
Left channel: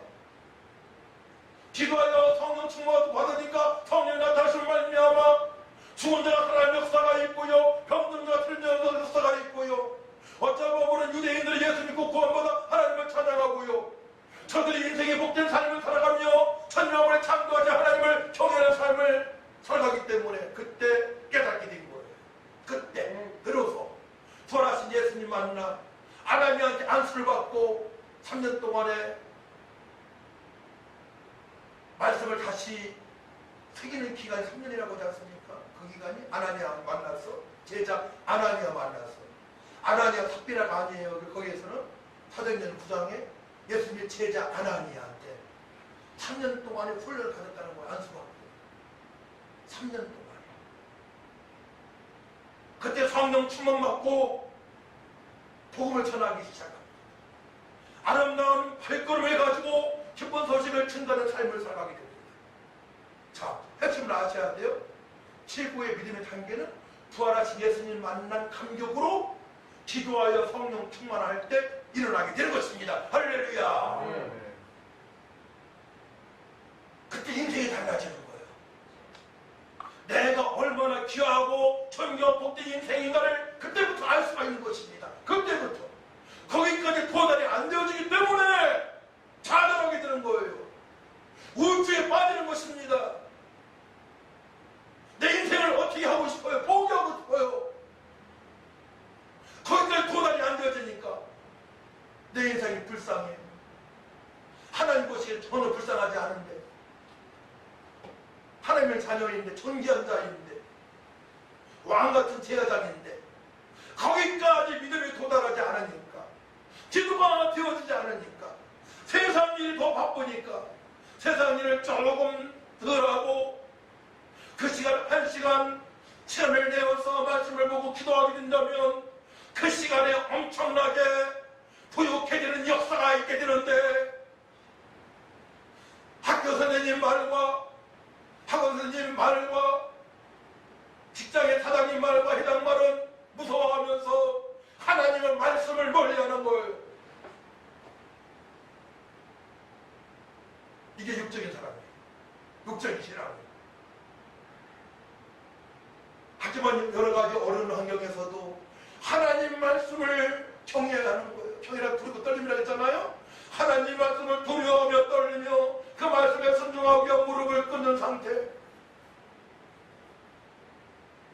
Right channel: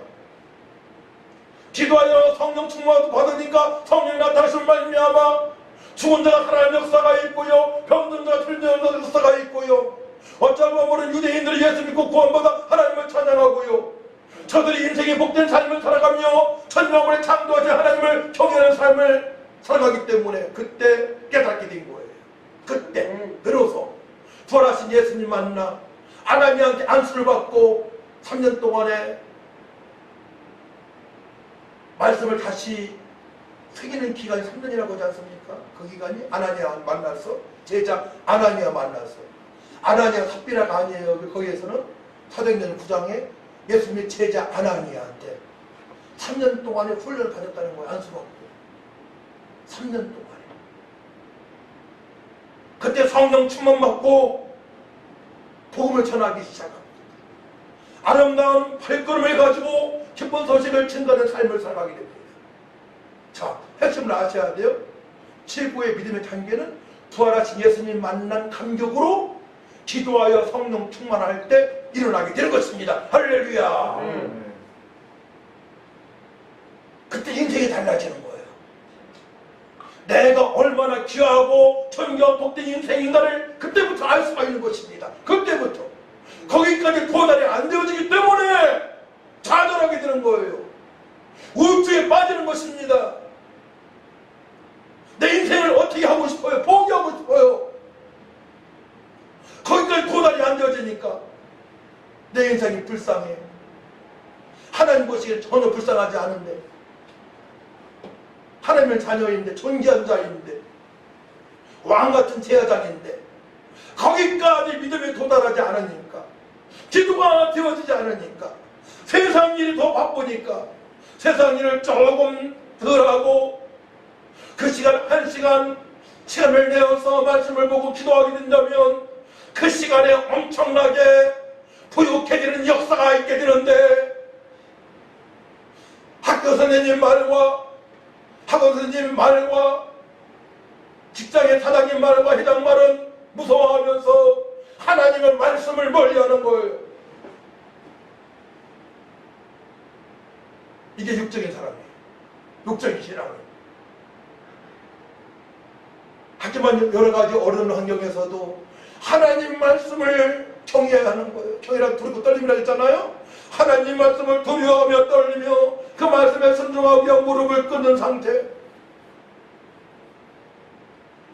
기도하여 성령 충만 받으니까 성령이 나타나시는 말미암아 죽은 자가 살아난 역사가 있고요, 병든 자가 들리는 역사가 있고요, 어쩌면 모르는 유대인들이 예수 믿고 구원받아 하나님을 찬양하고요, 저들이 인생의 복된 삶을 살아가며 천명을 창조하신 하나님을 경외하는 삶을 살아가기 때문에 그때 깨닫게 된 거예요. 그때 비로소 부활하신 예수님 만나 아나니아한테 안수를 받고 3년 동안에 말씀을 다시 새기는 기간이 3년이라고 하지 않습니까? 그 기간이 아나니아 만나서 제자 아나니아 만나서 아나니아 삽비라가 아니에요. 거기에서는 사도행전 9장에 예수님의 제자 아나니아한테 3년 동안에 훈련을 받았다는 거예요. 안수받고 3년 동안에 그때 성령 충만 받고 복음을 전하기 시작합니다. 아름다운 발걸음을 가지고 기쁜 소식을 증거하는 삶을 살아가게 됩니다. 자, 핵심을 아셔야 돼요. 최고의 믿음의 단계는 부활하신 예수님 만난 감격으로 기도하여 성령 충만할 때 일어나게 되는 것입니다. 할렐루야. 네. 그때 인생이 달라지는 거예요. 내가 얼마나 귀하고 존귀한 복된 인생인가를 그때부터 알 수가 있는 것입니다. 그때부터. 거기까지 도달이 안 되어지기 때문에 좌절하게 되는 거예요. 우주에 빠지는 것입니다. 내 인생을 어떻게 하고 싶어요? 포기하고 싶어요. 거기까지 도달이 안 되어지니까 내 인생이 불쌍해. 하나님 보시기에 전혀 불쌍하지 않은데, 하나님의 자녀인데, 존귀한 자인데, 왕같은 제사장인데 거기까지 믿음에 도달하지 않으니까, 기도가 되어지지 않으니까, 세상 일이 더 바쁘니까 세상 일을 조금 덜 하고 그 시간 한 시간 시간을 내어서 말씀을 보고 기도하게 된다면 그 시간에 엄청나게 부유해지는 역사가 있게 되는데, 학교 선생님 말과 학원 선생님 말과 직장의 사장님 말과 회장 말은 무서워하면서 하나님의 말씀을 멀리하는 거예요. 이게 육적인 사람이에요. 육적인 신앙이에요. 하지만 여러 가지 어려운 환경에서도 하나님 말씀을 경외해야 하는 거예요. 경외라 두렵고 떨림이라 했잖아요. 하나님 말씀을 두려워하며 떨리며 그 말씀에 순종하기 위해 무릎을 꿇는 상태,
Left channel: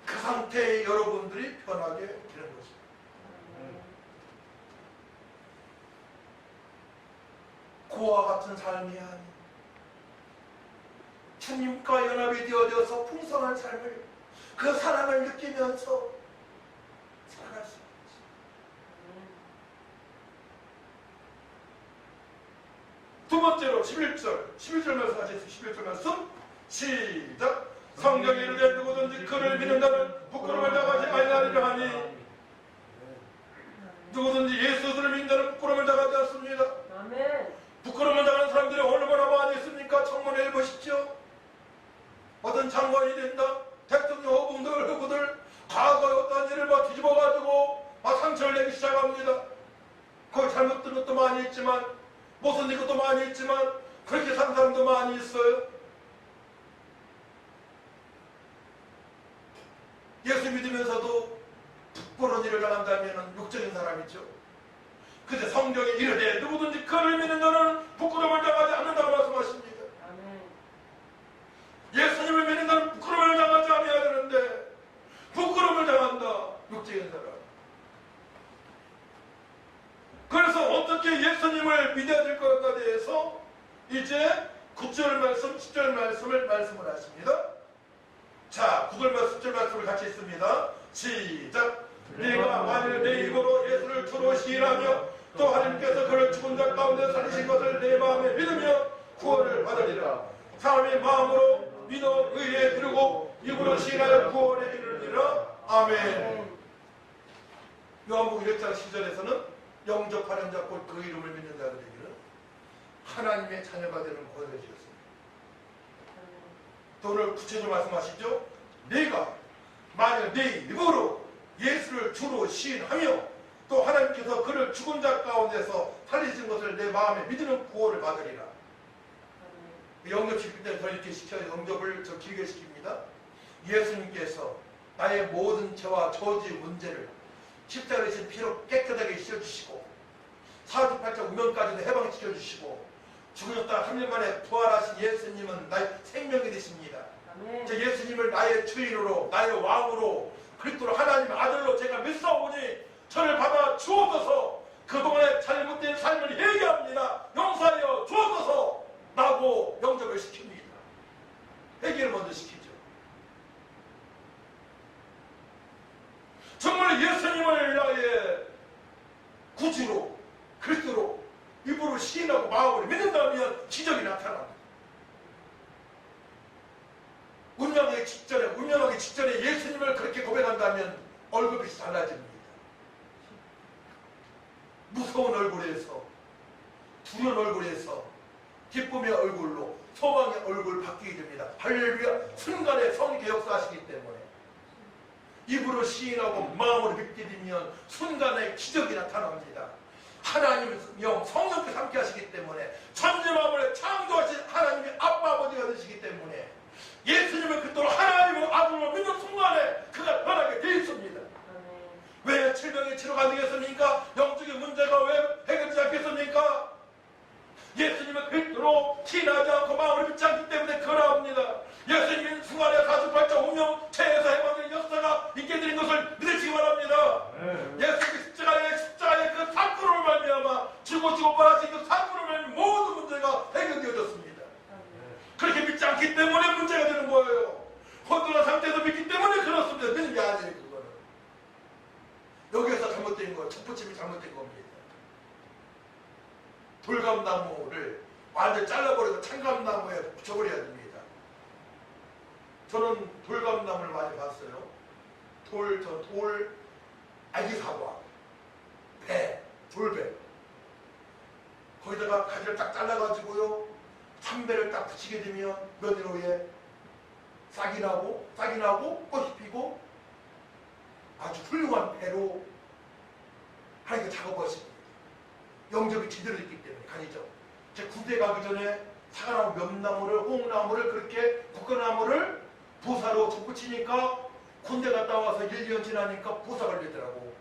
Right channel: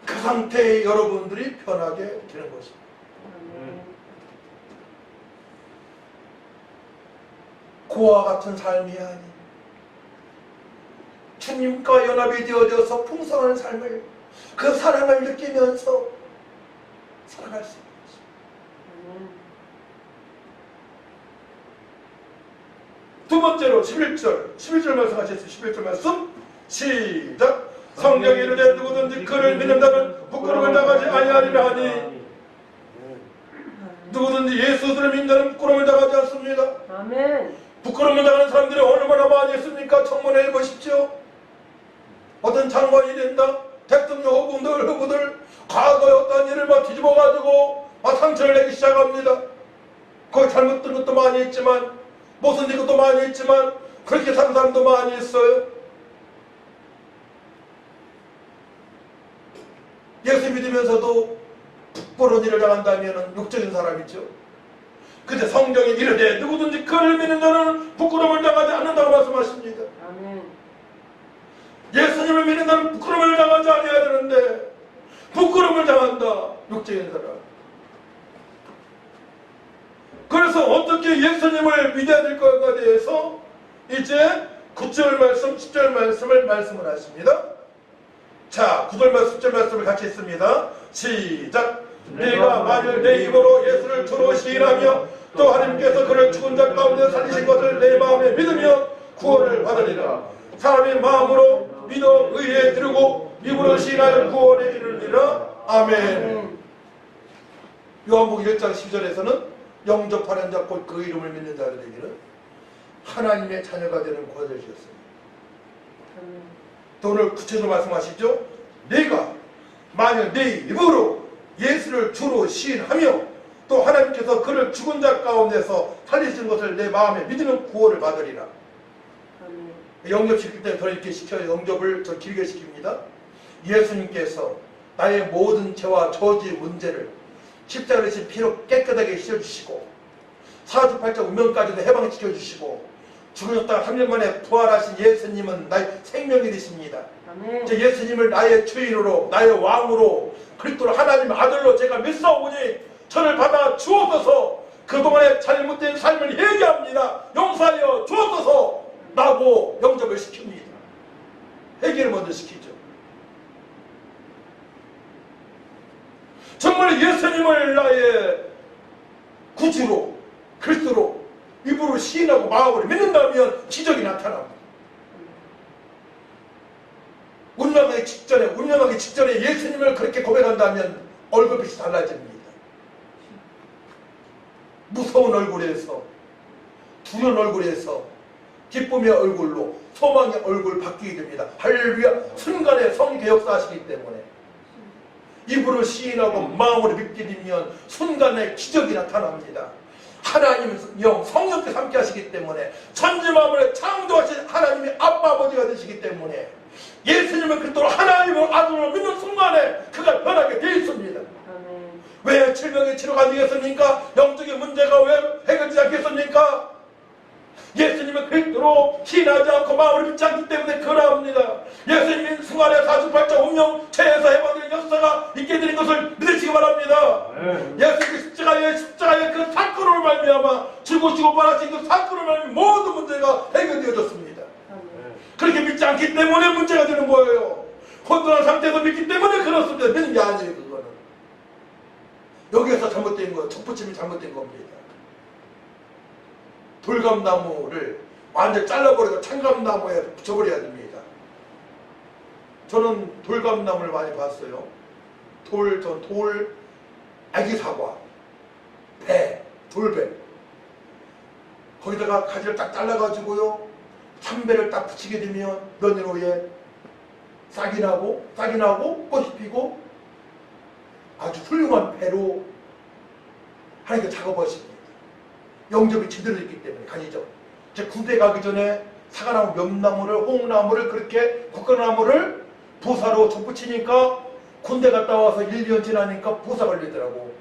그 상태에 여러분들이 편하게 되는 것입니다. 그와 같은 삶이 아닌 주님과 연합이 되어져서 풍성한 삶을 그 사랑을 느끼면서 살아갈 수 있는 아멘. 두 번째로 11절 말씀 같이 했어요. 11절 말씀 시작. 성경에 이르되 누구든지 그를 믿는 자는 부끄러움을 당하지 아니하리라 하니 누구든지 예수를 믿는 자는 부끄러움을 당하지 않습니다. 아멘. 부끄러움을 당하는 사람들이 얼마나 많이 있습니까? 청문회 해보십시오. 어떤 장관이 된다, 대통령 후보들 과거에 어떤 일을 막 뒤집어가지고 막 상처를 내기 시작합니다. 거기 잘못된 것도 많이 있지만 못된 것도 많이 있지만 그렇게 사는 사람도 많이 있어요. 예수 믿으면서도 부끄러운 일을 당한다면 육적인 사람이죠. 근데 성경에 이르되 누구든지 그를 믿는 자는 부끄러움을 당하지 않는다고 말씀하십니다. 아멘. 예수님을 믿는 자는 부끄러움을 당하지 않아야 되는데 부끄러움을 당한다. 육적인 사람. 그래서 어떻게 예수님을 믿어야 될 것에 대해서 이제 9절 말씀, 10절 말씀을 하십니다. 자, 9절 말씀, 10절 말씀을 같이 읽습니다. 시작. 내가 만일 내 입으로 예수를 주로 시인하며 또 하나님께서 그를 죽은 자 가운데 살리신 것을 내 마음에 믿으면 구원을 받으리라. 사람이 마음으로 믿어 의에 이르고 입으로 시인하여 구원에 이르리라. 아멘. 요한복음 1장 10절에서는 영접하는 자 곧 그 이름을 믿는 자들에게는 하나님의 자녀가 되는 권세를 주셨습니다. 아멘. 또 오늘 구체적으로 말씀하시죠. 내가 만일 내 입으로 예수를 주로 시인하며 또 하나님께서 그를 죽은 자 가운데서 살리신 것을 내 마음에 믿으면 구원을 받으리라. 아멘. 영접시킬 때 저를 이렇게 시켜요. 영접을 저 길게 시킵니다. 예수님께서 나의 모든 죄와 저주의 문제를 십자가에 대신 피로 깨끗하게 씻어주시고 사주팔자 운명까지도 해방시켜주시고 죽으셨다가 3년 만에 부활하신 예수님은 나의 생명이 되십니다. 아멘. 이제 예수님을 나의 주인으로 나의 왕으로 그리스도를 하나님의 아들로 제가 믿사오니 저를 받아 주옵소서. 그동안의 잘못된 삶을 회개합니다. 용서하여 주옵소서 라고 영접을 시킵니다. 회개를 먼저 시키죠. 정말 예수님을 나의 구주로 그리스도로 입으로 시인하고 마음으로 믿는다면 기적이 나타납니다. 운명하기 직전에 예수님을 그렇게 고백한다면 얼굴빛이 달라집니다. 무서운 얼굴에서 두려운 얼굴에서 기쁨의 얼굴로 소망의 얼굴 바뀌게 됩니다. 할렐루야. 순간에 성령의 역사하시기 때문에 입으로 시인하고 마음으로 믿게 되면 순간에 기적이 나타납니다. 하나님 영 성령께서 함께 하시기 때문에 천지만물에 창조하신 하나님의 아빠 아버지가 되시기 때문에 예수님을 그토록 하나님의 아들로 믿는 순간에 그가 변하게 되어 있습니다. 아멘. 왜 질병의 치료가 안 되겠습니까? 영적인 문제가 왜 해결되지 않겠습니까? 예수님은 그리스도로 신하지 않고 마음을 믿지 않기 때문에 그러합니다. 예수님이 순간에 사주팔자 운명 죄에서 해방되는 역사가 있게 되는 것을 믿으시기 바랍니다. 예수님이 십자가의 그 사건으로 말미암아 죽으시고 부활하신 그 사건으로 말미암아 모든 문제가 해결되어졌습니다. 그렇게 믿지 않기 때문에 문제가 되는 거예요. 혼돈한 상태에서 믿기 때문에 그렇습니다. 믿는 게 아니에요. 그거는 여기에서 잘못된 거예요. 척붙임이 잘못된 겁니다. 돌감나무를 완전 잘라버리고 참감나무에 붙여버려야 됩니다. 저는 돌감나무를 많이 봤어요. 돌, 아기사과, 배, 돌배. 거기다가 가지를 딱 잘라가지고요. 참배를 딱 붙이게 되면 몇 년 후에 싹이 나고 꽃이 피고 아주 훌륭한 배로 하나님께 작업하십니다. 영접이 제대로 있기 때문에 가지죠. 제 군대 가기 전에 사과나무, 몇 홍나무를 그렇게 국화나무를 보사로 접붙이니까 군대 갔다 와서 1년 지나니까 보사 걸리더라고.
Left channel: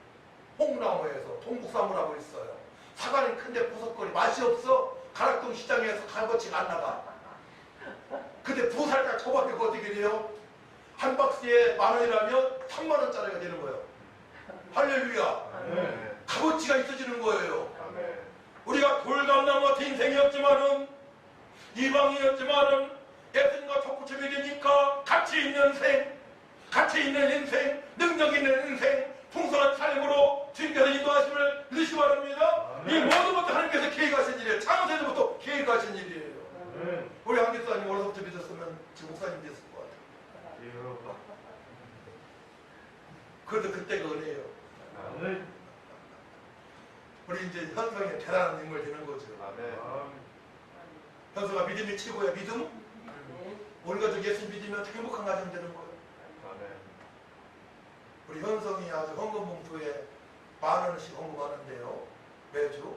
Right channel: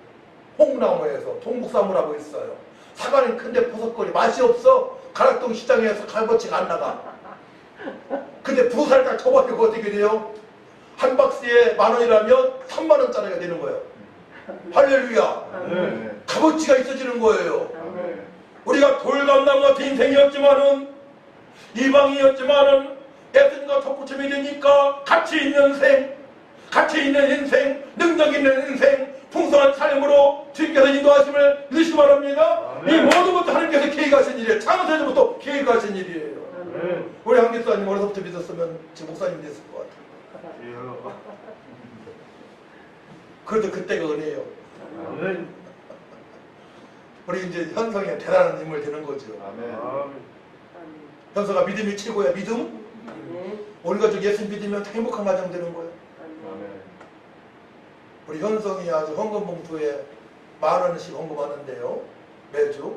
홍나무에서 동국사무라고 있어요. 사과는 큰데 보석거리 맛이 없어. 가락동 시장에서 값어치가 안 나가. 근데 보사를 딱 쳐버리고 어떻게 돼요? 한 박스에 10,000원이라면 30,000원짜리가 되는 거예요. 할렐루야. 아멘. 값어치가 있어지는 거예요. 아멘. 우리가 돌감나무 같은 인생이었지만은 이방이었지만은 예수님과 덧붙임이 되니까 가치 있는 인생, 능력 있는 인생, 풍성한 삶으로 주님께서 인도하심을 믿으시기 바랍니다. 이 모든 것도 하나님께서 계획하신 일이에요. 창세전부터 계획하신 일이에요. 우리 한기사님 어려서부터 믿었으면 지금 목사님 됐을 것 같아요. 그래도 그때가 은혜예요. 우리 이제 현성이 대단한 인물 되는 거죠. 현성아 믿음이 최고야. 믿음? 우리 가족 예수 믿으면 행복한 가정 되는 거예요. 우리 현성이 아주 헌금 봉투에 10,000원씩 헌금하는데요. 매주.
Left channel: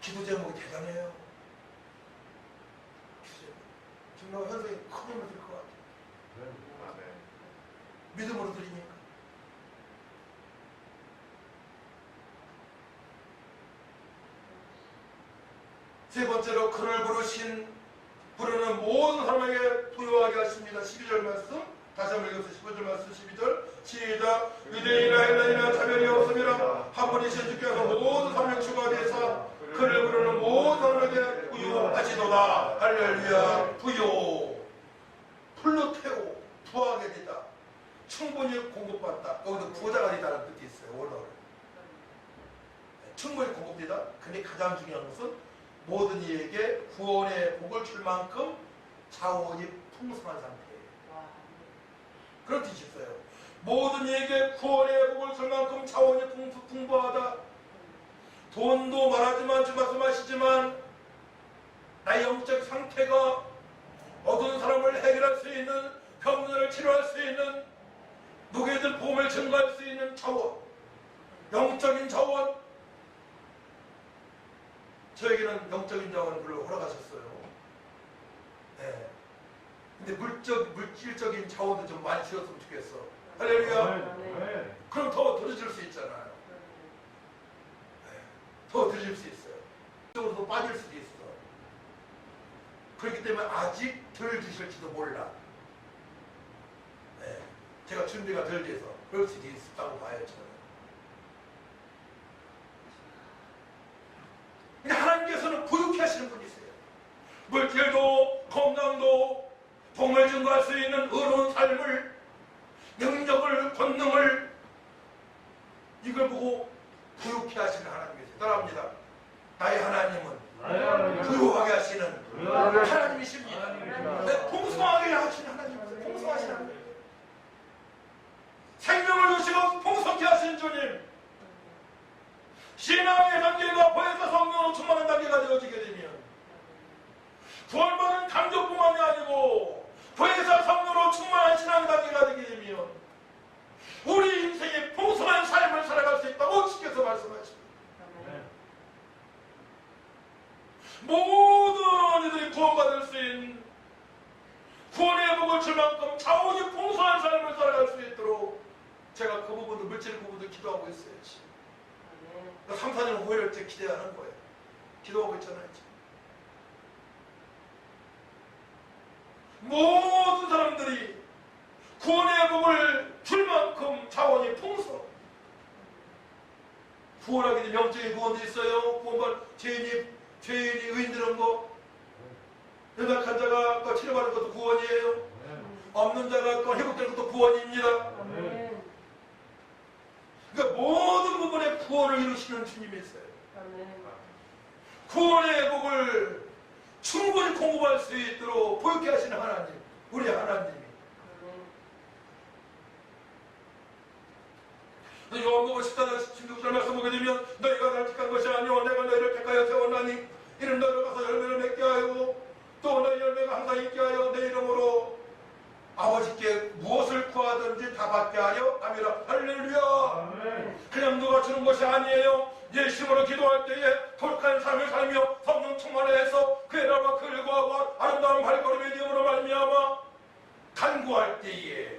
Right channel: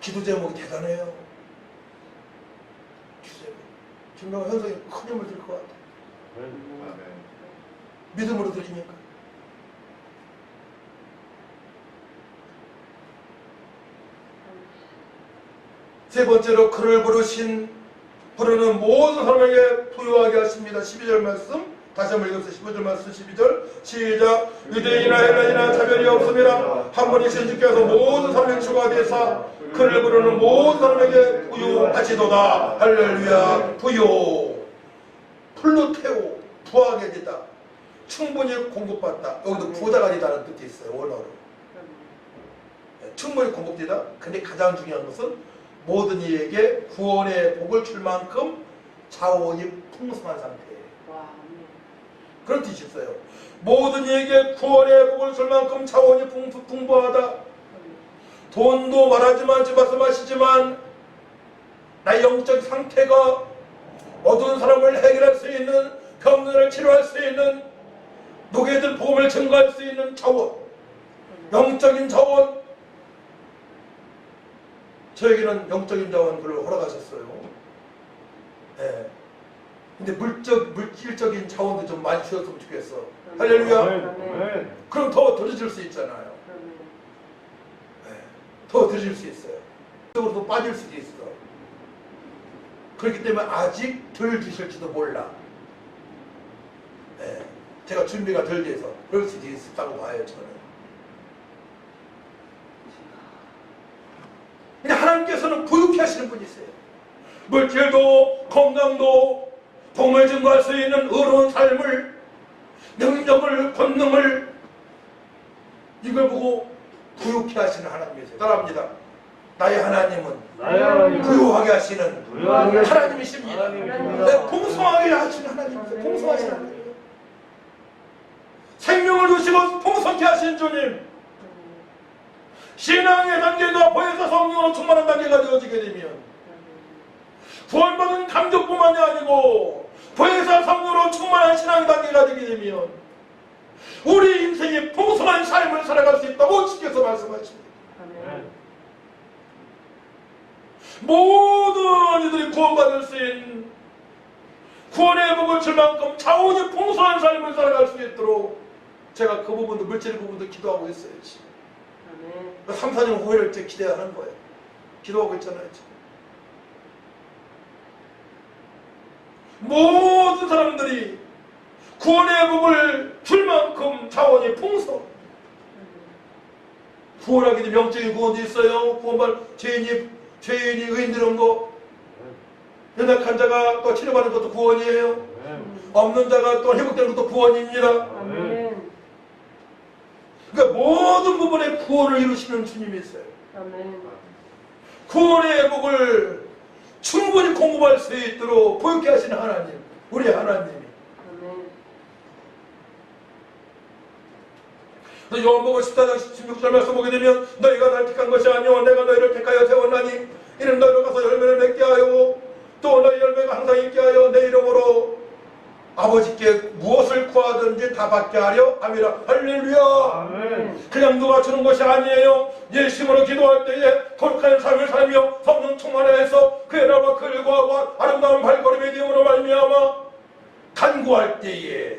기도 제목이 대단해요. 기도 제목. 지금 현성이 큰 힘을 들 것 같아요. 믿음으로 드리니까. 세 번째로 그를 부르는 모든 사람에게 부유하게 하십니다. 12절 말씀 다시 한번 읽읍시다. 15절 말씀 12절 시작. 유대인이나 헬라인이나 차별이 없습니다. 한 분이신 주께서 모든 사람의 주가 되사 그를 부르는 모든 사람에게 부유하시도다. 할렐루야. 부유 플루테오 부하게 되다. 충분히 공급받다. 여기도 부자가 되다는 뜻이 있어요. 원어로. 충분히 공급되다. 근데 가장 중요한 것은 모든 이에게 구원의 복을 줄 만큼 자원이 풍성한 상태예요. 그런 뜻이 있어요. 모든 이에게 구원의 복을 줄 만큼 자원이 풍부하다. 돈도 말하지만 지금 말씀하시지만 나의 영적 상태가 어두운 사람을 해결할 수 있는 병들을 치료할 수 있는 노예들 복음을 증거할 수 있는 자원, 영적인 자원. 저에게는 영적인 자원들을 허락하셨어요. 네. 근데 물질적인 자원도 좀 많이 주셨으면 좋겠어. 할렐루야. 그럼 더 드릴 수 있잖아요. 네. 더 드릴 수 있어요. 그쪽으로도 빠질 수도 있어. 그렇기 때문에 아직 덜 주실지도 몰라. 네. 제가 준비가 덜 돼서 그럴 수도 있다고 봐요. 저는. 근데 하나님께서는 부유케 하시는 분이세요. 물질도 건강도 복을 증거할 수 있는 의로운 삶을, 능력을, 권능을 이걸 보고 부유케 하시는 하나님이세요. 따라합니다. 나의 하나님은 부유하게 하시는 하나님이십니다. 네, 풍성하게 하시는 하나님이세요. 풍성하신 하나님이에요. 생명을 주시고 풍성케 하신 주님. 신앙의 단계가 보혜사 성령으로 충만한 단계가 되어지게 되면 구원받은 감격뿐만이 아니고 보혜사 성령으로 충만한 신앙 단계가 되게 되면 우리 인생이 풍성한 삶을 살아갈 수 있다고 주께서 말씀하십니다. 모든 이들이 구원받을 수 있는 구원의 복을 줄 만큼 자원이 풍성한 삶을 살아갈 수 있도록 제가 그 부분도 물질 부분도 기도하고 있어요. 지금. 3, 4년 후회를 기대하는 거예요. 기도하고 있잖아요. 지금. 모든 사람들이 구원의 복을 줄 만큼 자원이 풍성. 구원하게 되면 영적인 구원도 있어요. 구원받은 죄인이 의인되는 거. 연약한 자가 또 치료받는 것도 구원이에요. 없는 자가 또 회복되는 것도 구원입니다. 그러니까 모든 부분에 구원을 이루시는 주님이 있어요. 구원의 복을 충분히 공급할 수 있도록 보유케 하시는 하나님, 우리 하나님이. 요한복음 14장 16절 말씀 보게 되면 너희가 날 택한 것이 아니오 내가 너희를 택하여 세웠나니 이는 너희로 가서 열매를 맺게 하여 또 너희 열매가 항상 있게 하여 내 이름으로 아버지께 무엇을 구하든지 다 받게 하려 함이라. 할렐루야. 아멘. 그냥 누가 주는 것이 아니에요. 예심으로 기도할 때에 거룩한 삶을 살며 성령 충만해서 그의 나라와 그를 구하고 아름다운 발걸음의 되음으로 말미암아 간구할 때에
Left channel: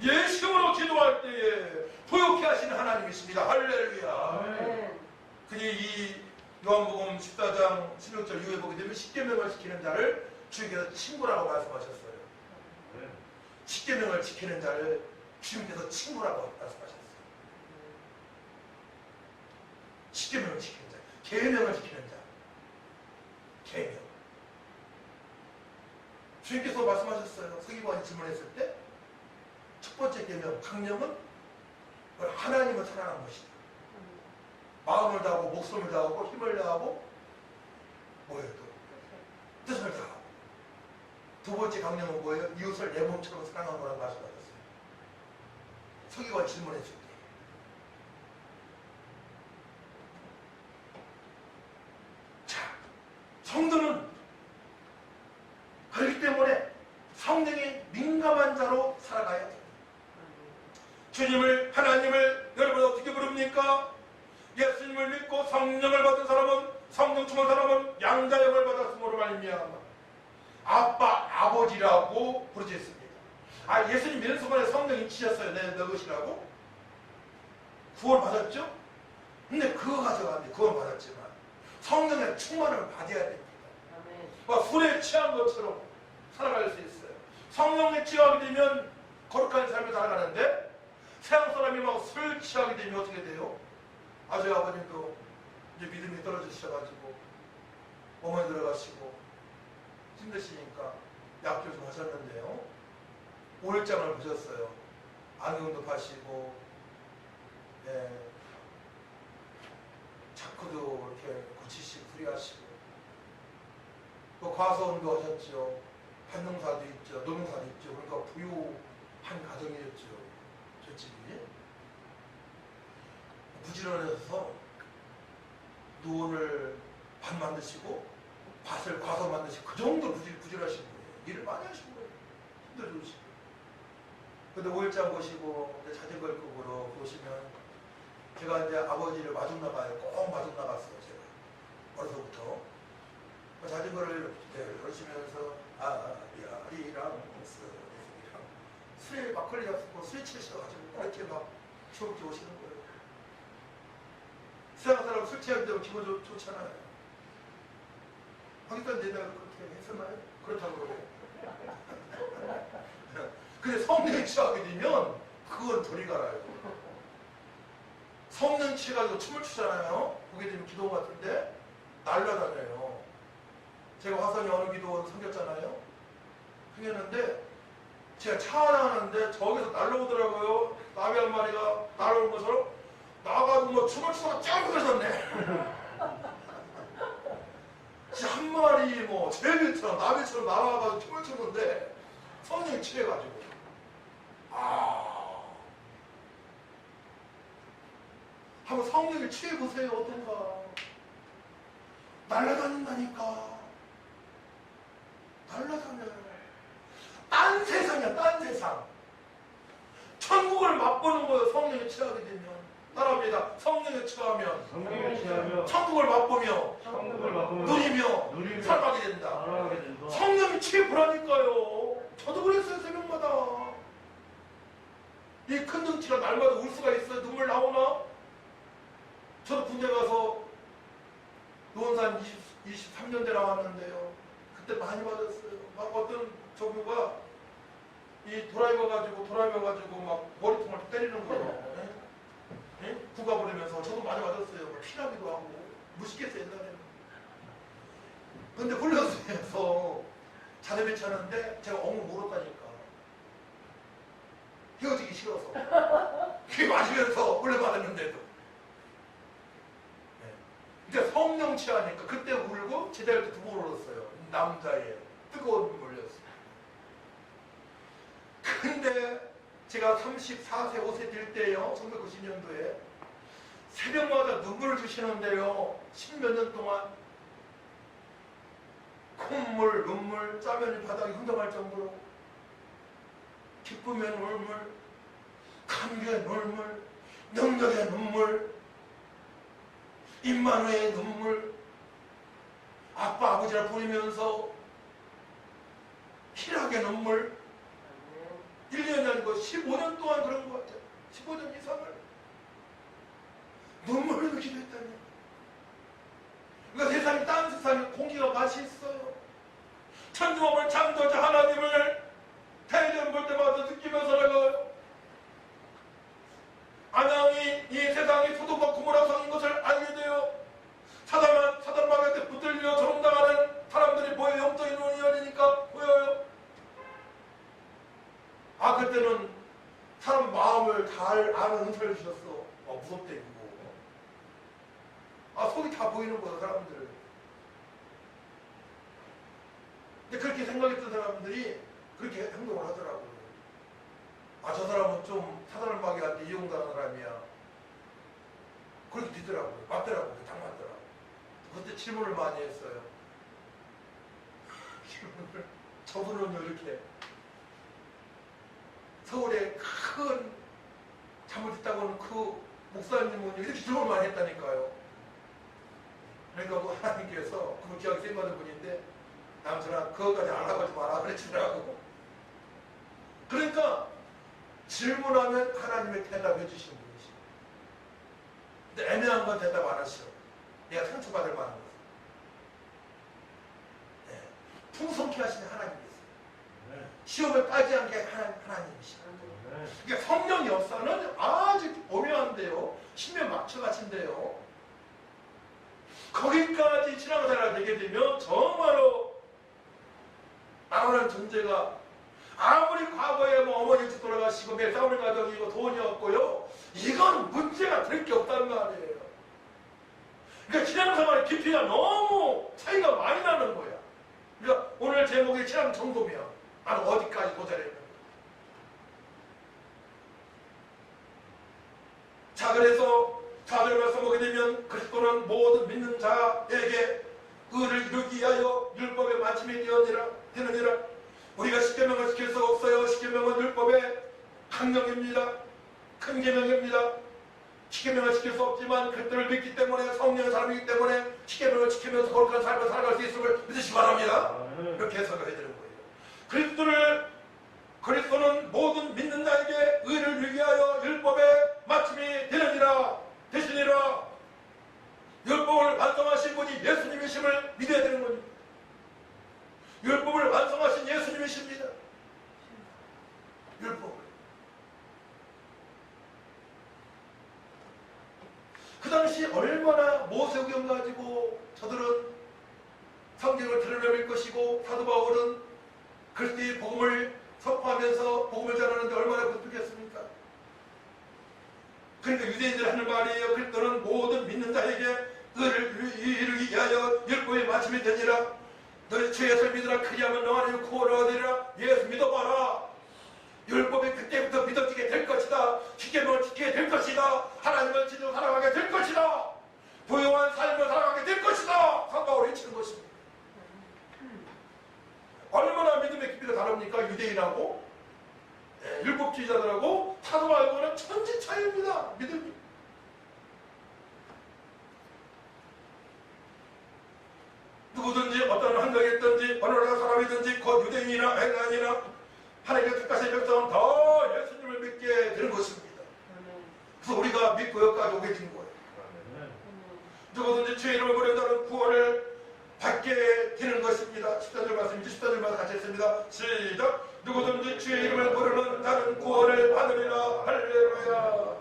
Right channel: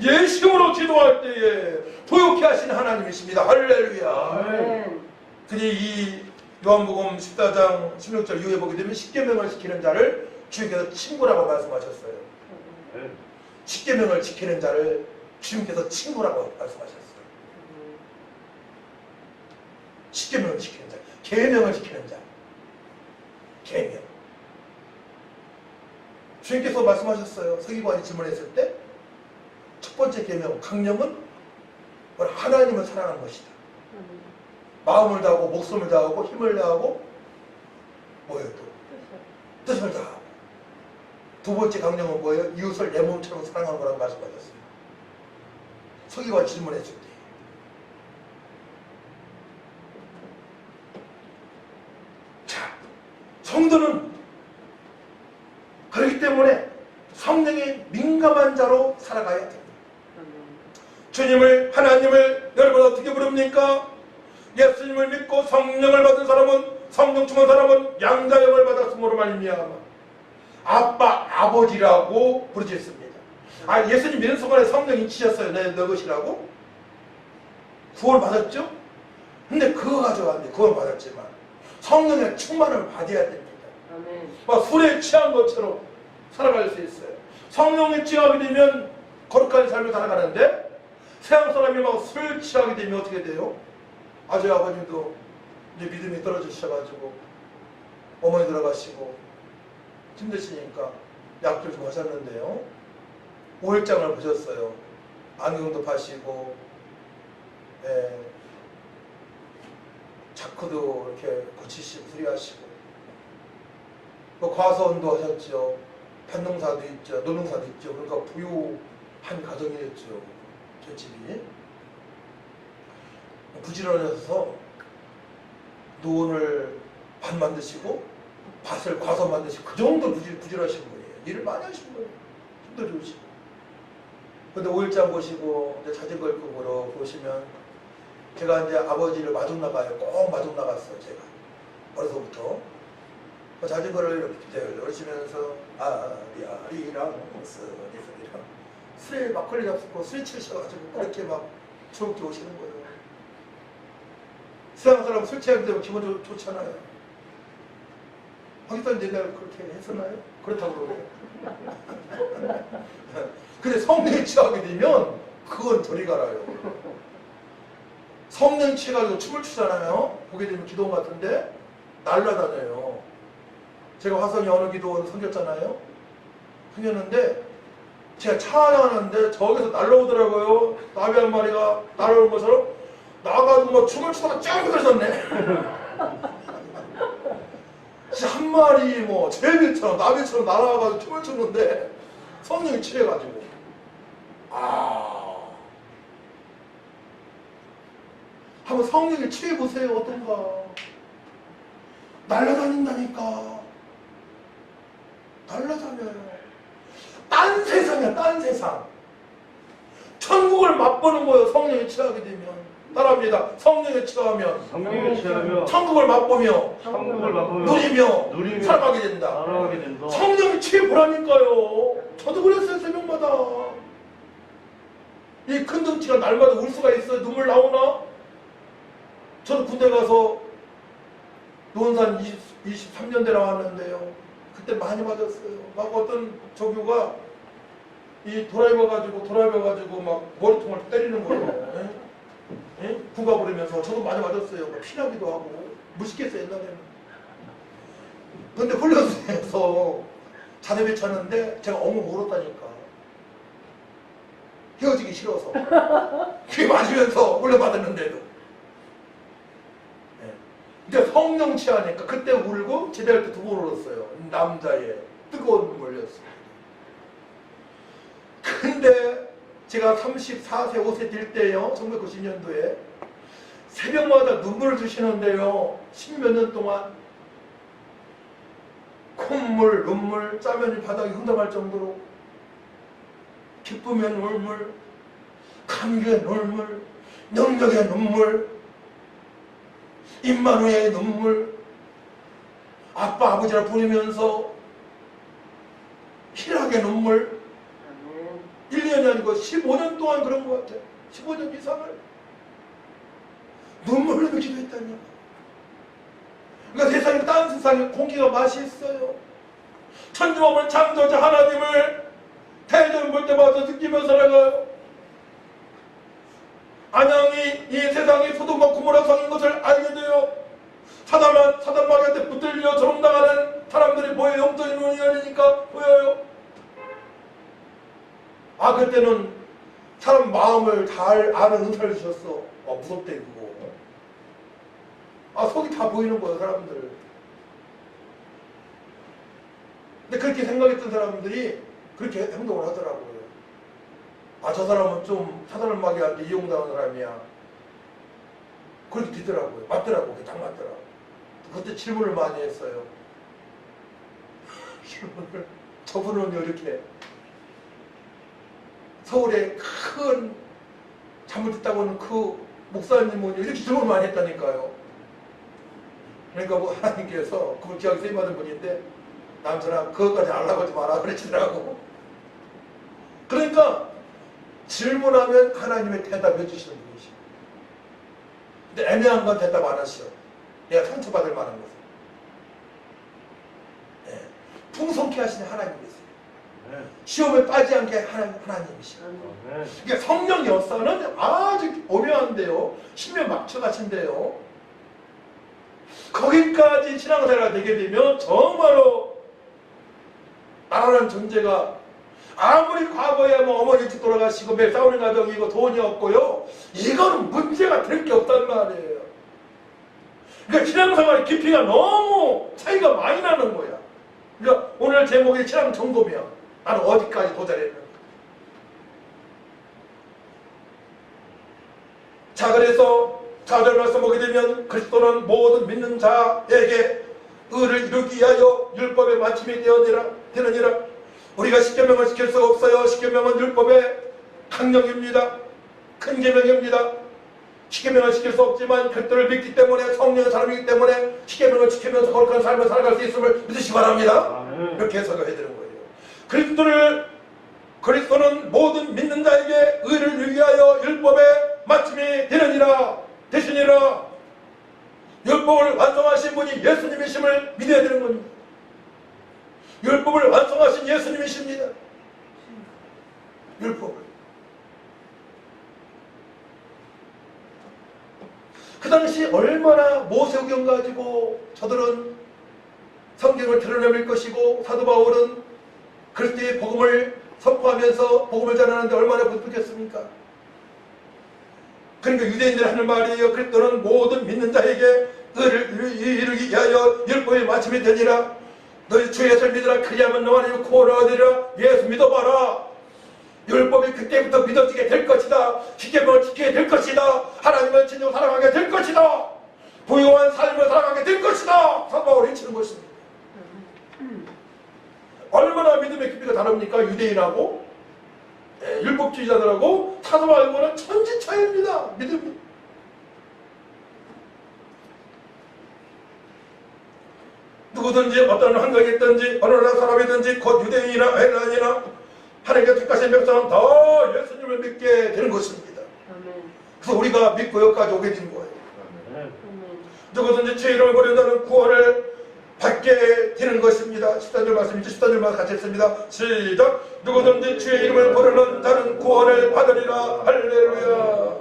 예심으로 기도할 때에 부유케 하시는 하나님이십니다. 할렐루야. 아멘. 그니 이 요한복음 14장 16절 이후에 보게 되면 십계명을 지키는 자를 주님께서 친구라고 말씀하셨어요. 십계명을 지키는 자를 주님께서 친구라고 말씀하셨어요. 십계명을 지키는 자, 계명을 지키는 자, 계명. 주님께서 말씀하셨어요. 서기관이 질문했을 때 첫 번째 계명, 강령은 하나님을 사랑하는 것이다. 마음을 다하고 목숨을 다하고 힘을 다하고 뭐예요 또? 뜻을 다하고. 두 번째 강령은 뭐예요? 이웃을 내 몸처럼 사랑하는 거라고 말씀하셨어요. 서기관 질문했을 때. 자, 성도는 그렇기 때문에 성령이 민감한 자로 살아가야 됩니다. 주님을, 하나님을 여러분 어떻게 부릅니까? 예수님을 믿고 성령을 받은 사람은, 성령 충만 사람은 양자역을 받았으므로 말미암아 아빠, 아버지라고 부르짖습니다. 아, 예수님 믿는 순간에 성령이 치셨어요. 내 것이라고? 구원 받았죠? 근데 그거 가지고 안 돼. 구원 받았지만 성령의 충만을 받아야 됩니다. 막 술에 취한 것처럼 살아갈 수 있어요. 성령에 취하게 되면 거룩한 삶을 살아가는데 세상 사람이 막 술 취하게 되면 어떻게 돼요? 아저희 아버님도 이제 믿음이 떨어지셔가지고 어머니 들어가시고 힘드시니까 약들 좀 하셨는데요. 오일장을 보셨어요. 안경도 파시고, 예, 자크도 이렇게 고치시고 수리하시고, 또 과서원도 하셨죠. 밭농사도 있죠. 노농사도 있죠. 그러니까 부유한 가정이었죠. 제 집이. 부지런해서 노원을 밭 만드시고 밭을 과서 만드시고 그 정도 부지런하신 거예요. 일을 많이 하신 거예요. 힘도 좋으시고. 근데 5일장 보시고 이제 자전거 끌고 보시면 제가 이제 아버지를 마중 나가요. 꼭 마중 나갔어요. 제가 어려서부터 자전거를 이렇게 열시면서 아리랑 쓰리랑 술에 막걸리 잡수고 술에 취하셔가지고 그렇게 막 즐겁게 오시는 거예요. 세상 사람 술 취하게 되면 기분 좋잖아요. 하기도 내가 그렇게 했었나요? 그렇다고 그래요. 근데 성령에 취하게 되면 그건 저리 가라요. 성령 취해가지고 춤을 추잖아요. 보게 되면 기도원 같은데 날라다녀요. 제가 화성에 어느 기도원 섬겼잖아요. 섬겼는데 제가 찬양하는데 저기서 날라오더라고요. 나비 한 마리가 날아오는 것처럼 나가지고 뭐 춤을 추다가 쫙 그러셨네. 진짜 한 마리 뭐 제비처럼 나비처럼 날아가가지고 춤을 추는데 성령이 취해가지고 한번 성령에 취해보세요. 어떤가. 날아다닌다니까. 날아다녀요. 딴 세상이야. 딴 세상. 천국을 맛보는 거예요. 성령에 취하게 되면. 따라합니다. 성령에 취하면 천국을 맛보며 누리며 살아가게 된다. 성령에 취해보라니까요. 저도 그랬어요. 새벽마다. 이 큰 덩치가 날마다 울 수가 있어요. 눈물 나오나? 저도 군대 가서 노원산 23년대 나왔는데요. 그때 많이 맞았어요. 막 어떤 조교가 이 드라이버 가지고 막 머리통을 때리는 거예요. 예? 구가 부르면서 저도 많이 맞았어요. 피나기도 하고 무식했어요 옛날에는. 근데 훈련소에서 자네배 차는데 제가 엉엉 울었다니까. 헤어지기 싫어서. 귀 맞으면서 훈련받았는데도. 예. 근데 성령 취하니까 그때 울고 제대할 때 2번 울었어요. 남자의 뜨거운 눈물이었어요. 근데 제가 34세, 5세 될 때요. 1990년도에 새벽마다 눈물을 주시는데요. 10몇 년 동안 콧물, 눈물, 짜면이 바닥에 흘러갈 정도로 기쁨의 눈물, 감격의 눈물, 능력의 눈물, 임마누엘의 눈물, 아빠, 아버지라 부르면서 희락의 눈물, 1년이 아니고 15년 동안 그런 것 같아요. 15년 이상을 눈물을 흘리며 기도했다니요. 그러니까 세상에 딴 세상에 공기가 맛이 있어요. 천지만물 창조자 하나님을 대전 볼 때마다 느끼며 살아가요. 안양이 이 세상이 소돔과 고모라 성인 것을 알게 되어 사단마귀한테 붙들려 조롱당하는 사람들이 보여요. 영적인 눈이 열리니까 보여요. 아, 그때는 사람 마음을 잘 아는 은사를 주셨어. 무섭대 그거. 아, 속이 다 보이는 거예요, 사람들. 근데 그렇게 생각했던 사람들이 그렇게 행동을 하더라고요. 아, 저 사람은 좀 사단마귀한테 이용당한 사람이야. 그렇게 되더라고요. 맞더라고요. 딱 맞더라. 그때 질문을 많이 했어요. 질문을. 저분은 이렇게 서울에 큰 잘못했다고는 그 목사님은 이렇게 질문을 많이 했다니까요. 그러니까 뭐 하나님께서 그분 기억이 세임받은 분인데 남자나 그것까지 알라고 하지 마라 그러시더라고. 그러니까 질문하면 하나님의 대답해 주시는 분이시오. 근데 애매한 건 대답 안 하시오. 내가 상처받을 만한 것은. 네. 풍성케 하시는 하나님이세요. 시험에 빠지지 않게 하나님이시오. 그러니까 성령 역사는 아주 오묘한데요. 신명 막혀가신데요. 거기까지 신앙생활이 되게 되면 정말로 나라는 존재가 아무리 과거에 뭐 어머니 일찍 돌아가시고 매일 싸우는 가정이고 돈이 없고요. 이건 문제가 될 게 없단 말이에요. 그러니까 신앙생활의 깊이가 너무 차이가 많이 나는 거야. 그러니까 오늘 제목이 신앙 점검이야. 나는 어디까지 도달했는가. 자, 그래서 4절 말씀 보게 되면 그리스도는 모든 믿는 자에게 의를 이루기 위하여 율법의 마침이 되느니라. 우리가 십계명을 지킬 수가 없어요. 십계명은 율법의 강령입니다. 큰 계명입니다. 십계명을 지킬 수 없지만 그리스도를 믿기 때문에 성령의 사람이기 때문에 십계명을 지키면서 거룩한 삶을 살아갈 수 있음을 믿으시기 바랍니다. 이렇게 해석을 해드리는 거예요. 그리스도는 모든 믿는 자에게 의를 위하여 율법의 마침이 되시니라. 율법을 완성하신 분이 예수님이심을 믿어야 되는 겁니다. 율법을 완성하신 예수님이십니다. 율법을. 그 당시 얼마나 모세오경 가지고 저들은 성경을 드러내밀 것이고 사도 바울은 그리스도의 복음을 선포하면서 복음을 전하는데 얼마나 부족했습니까? 그러니까 유대인들이 하는 말이에요. 그리스도는 모든 믿는 자에게 의를 이루기 위하여 율법의 마침이 되니라. 너희 주 예수를 믿으라. 그리하면 너와 네 구원을 얻으리라. 예수 믿어봐라. 율법이 그때부터 믿어지게 될 것이다. 십계명을 지키게 될 것이다. 하나님을 진정 사랑하게 될 것이다. 부유한 삶을 살아가게 될 것이다. 사도 바울이 외치는 것입니다. 얼마나 믿음의 깊이가 다릅니까? 유대인하고 율법주의자들하고 사도 바울과는 천지 차이입니다. 믿음이. 누구든지 어떤 환경이 있든지 어느 나라 사람이든지 곧 유대인이나 헬라인이나 하나님께 택하신 백성은 다 예수님을 믿게 되는 것입니다. 그래서 우리가 믿고 여기까지 오게 된 거예요. 누구든지 주의 이름을 부른다는 구원을 받게 되는 것입니다. 14절 말씀이죠. 14절 말씀 같이 했습니다. 시작. 누구든지 주의 이름을 부르는 자는 구원을 받으리라. 할렐루야.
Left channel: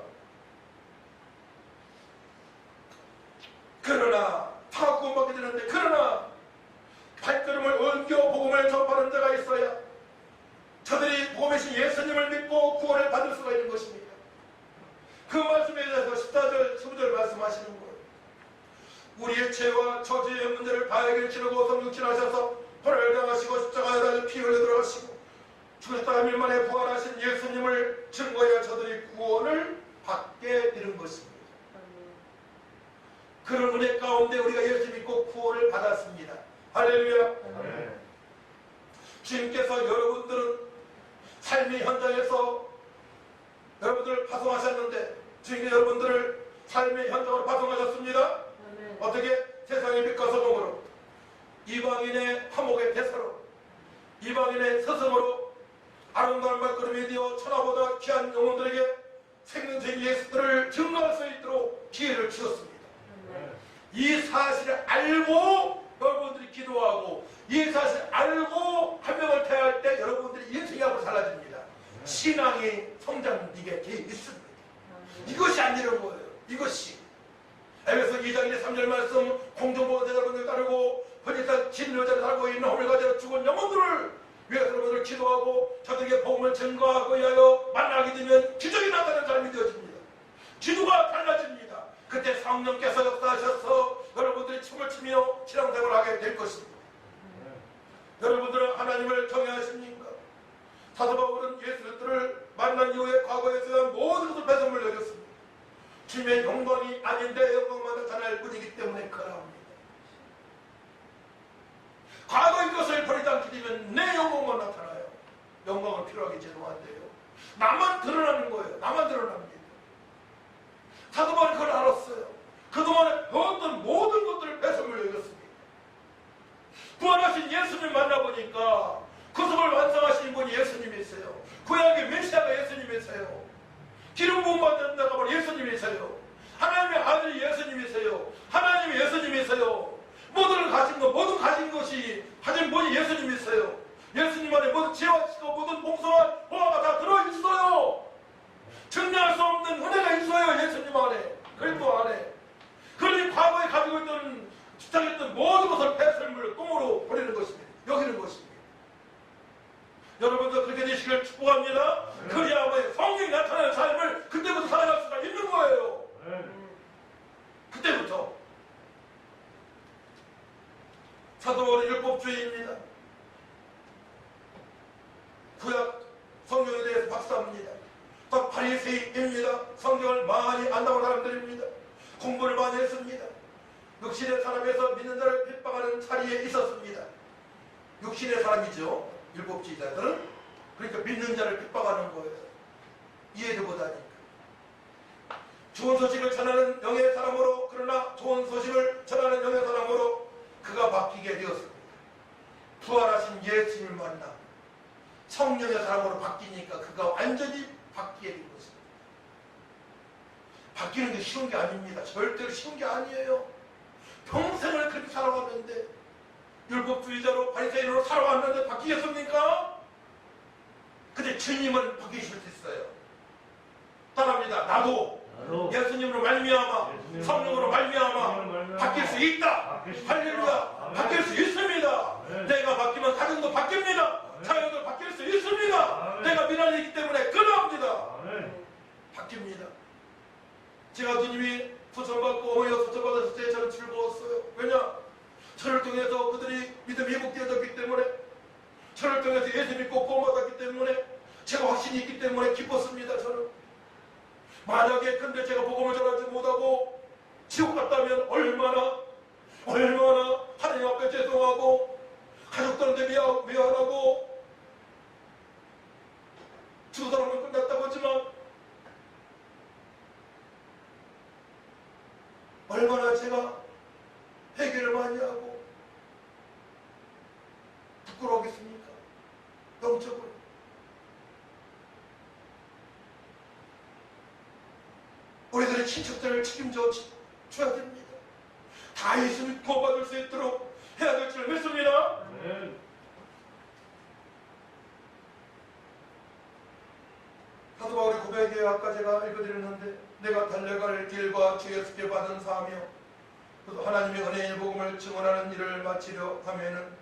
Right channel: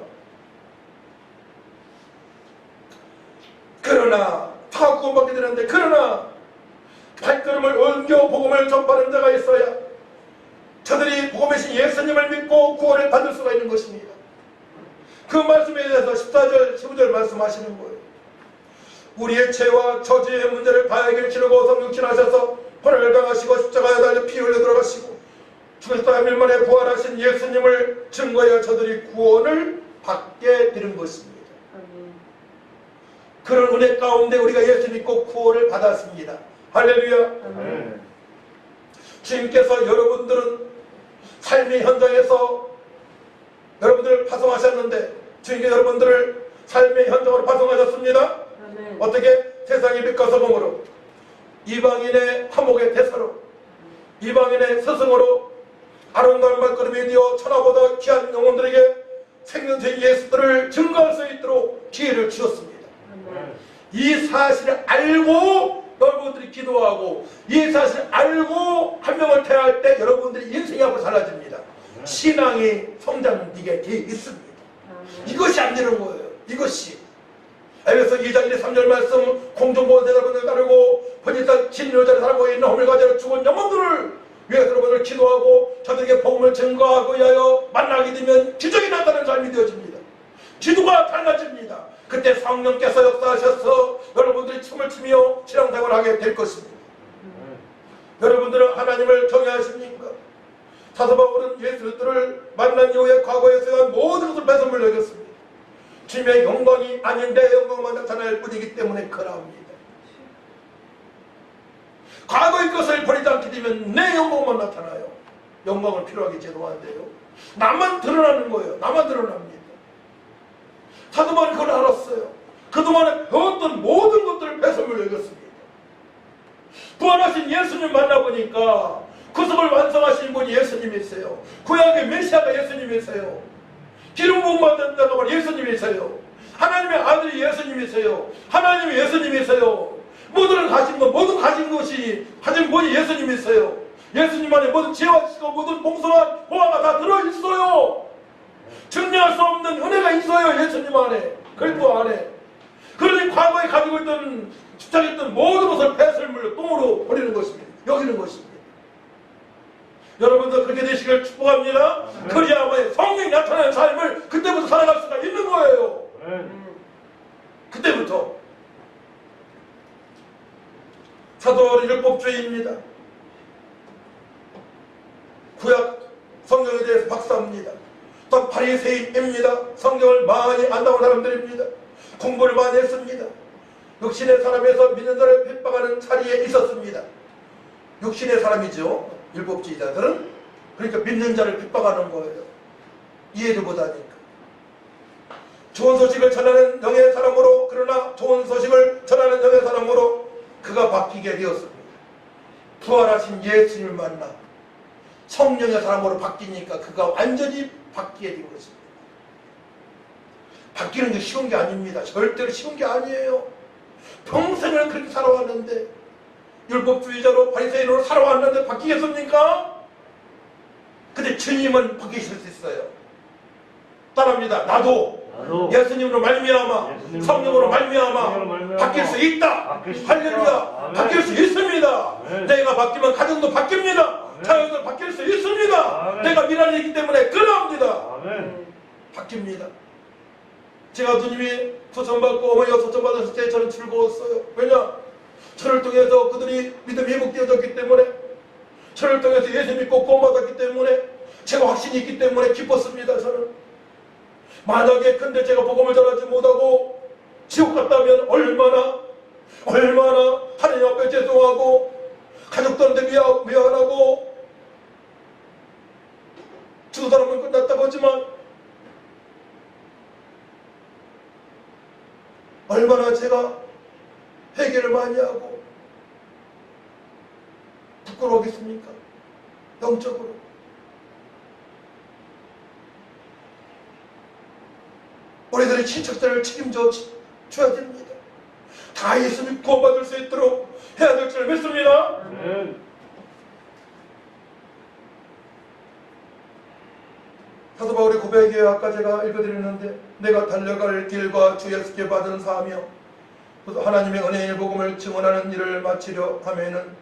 그러나 다 구원받게 되는데 그러나 발걸음을 옮겨 복음을 전파하는 자가 있어야 저들이 복음이신 예수님을 믿고 구원을 받을 수가 있는 것입니다. 그 말씀에 대해서 14절 15절 말씀하시는 거예요. 우리의 죄와 저주의 문제를 바에게 치르고 성육신하셔서 혼을 당하시고 십자가에 달려 피 흘려 들어가시고 죽으셨다 3일 만에 부활하신 예수님을 증거하여 저들이 구원을 받게 되는 것입니다. 그런 은혜 가운데 우리가 예수 믿고 구원을 받았습니다. 할렐루야. 주님께서 여러분들은 삶의 현장에서 여러분들을 파송하셨는데 주님께서 여러분들을 삶의 현장으로 파송하셨습니다. 어떻게? 세상의 빛과 소금으로, 이방인의 화목의 대사로, 이방인의 스승으로, 아름다운 발걸음이 되어 천하보다 귀한 영혼들에게 생명된 예수들을 증거할 수 있도록 기회를 주셨습니다. 이 사실을 알고 여러분들이 기도하고 이 사실을 알고 한 명을 대할 때 여러분들이 인생이 앞으로 달라집니다. 신앙이 성장되게 돼 있습니다. 이것이 안 되는 거예요. 이것이. 에베소 2장 1, 3절 말씀, 공중보건 여러분들 따르고 번지사 진료자를 살고 있는 허물 가지고 죽은 영혼들을 위해서 여러분들 기도하고 저들에게 복음을 증거하고 위하여 만나게 되면 기적이 나타나는 삶이 되어집니다. 기도가 달라집니다. 그때 성령께서 역사하셔서 여러분들이 춤을 추며 신앙생활을 하게 될 것입니다. 여러분들은 하나님을 경외하십니까? 사도 바울은 예수를 만난 이후에 과거에서 모든 것을 배설물 여겼습니다. 주님의 영광이 아닌 내 영광만 나타날 뿐이기 때문에 그러합니다. 과거의 것을 버리지 않게 되면 내 영광만 나타나요. 영광을 필요하게 제도한대요. 나만 드러나는 거예요. 나만 드러납니다. 사도 바울이 그걸 알았어요. 그동안에 배웠던 모든 것들을 배설물 여겼습니다. 부활하신 예수님 만나보니까 구속을 완성하신 분이 예수님이세요. 구약의 메시아가 예수님이세요. 기름 부음 받는 자가 바로 예수님이세요. 하나님의 아들이 예수님이세요. 하나님이 예수님이세요. 모든 가진 것, 모든 가진 것이 가진 분이 예수님이세요. 예수님 안에 모든 지혜와 지식과 모든 봉선한 보화가 다 들어있어요. 증명할 수 없는 은혜가 있어요. 예수님 안에, 그리스도 안에. 그러니 과거에 가지고 있던 집착했던 모든 것을 배설물로 똥으로 버리는 것입니다. 여기는 것입니다. 여러분도 그렇게 되시길 축복합니다. 그리야만의 성령이 나타나는 삶을 그때부터 살아갈 수가 있는 거예요. 그때부터. 사도 바울은 율법주의입니다. 구약 성경에 대해서 박사입니다. 또 바리새인입니다. 성경을 많이 안다는 사람들입니다. 공부를 많이 했습니다. 육신의 사람에서 믿는 자를 핍박하는 자리에 있었습니다. 육신의 사람이죠. 율법주의자들은. 그러니까 믿는 자를 핍박하는 거예요. 이해를 못하니까. 좋은 소식을 전하는 영의 사람으로, 그러나 좋은 소식을 전하는 영의 사람으로 그가 바뀌게 되었습니다. 부활하신 예수님을 만나 성령의 사람으로 바뀌니까 그가 완전히 바뀌게 된 것입니다. 바뀌는 게 쉬운 게 아닙니다. 절대로 쉬운 게 아니에요. 평생을 그렇게 살아왔는데, 율법주의자로 바리새인으로 살아왔는데 바뀌겠습니까? 근데 주님은 바뀌실 수 있어요. 따라합니다. 나도 예수님으로 말미암아, 성령으로 말미암아 바뀔 수 있다. 할렐루야. 바뀔 수 있습니다. 내가 바뀌면 가정도 바뀝니다. 자녀도 바뀔 수 있습니다. 내가 미련이기 때문에 그러합니다. 바뀝니다. 제가 주님이 소천받고 어머니가 소천받았을 때 저는 즐거웠어요. 왜냐? 저를 통해서 그들이 믿음이 회복되어졌기 때문에, 저를 통해서 예수 믿고 구원받았기 때문에, 제가 확신이 있기 때문에 기뻤습니다. 저는. 만약에 근데 제가 복음을 전하지 못하고 지옥 갔다면 얼마나 하나님 앞에 죄송하고 가족들한테 미안하고 두 사람은 끝났다고 하지만 얼마나 제가 회개를 많이 하고 부끄러우겠습니까? 영적으로. 우리들의 친척들을 책임져 줘야 됩니다. 다 예수님 구원받을 수 있도록 해야 될 줄 믿습니다. 사도 바울의 고백에 아까 제가 읽어드렸는데, 내가 달려갈 길과 주 예수께 받은 사하며 하나님의 은혜의 복음을 증언하는 일을 마치려 하면은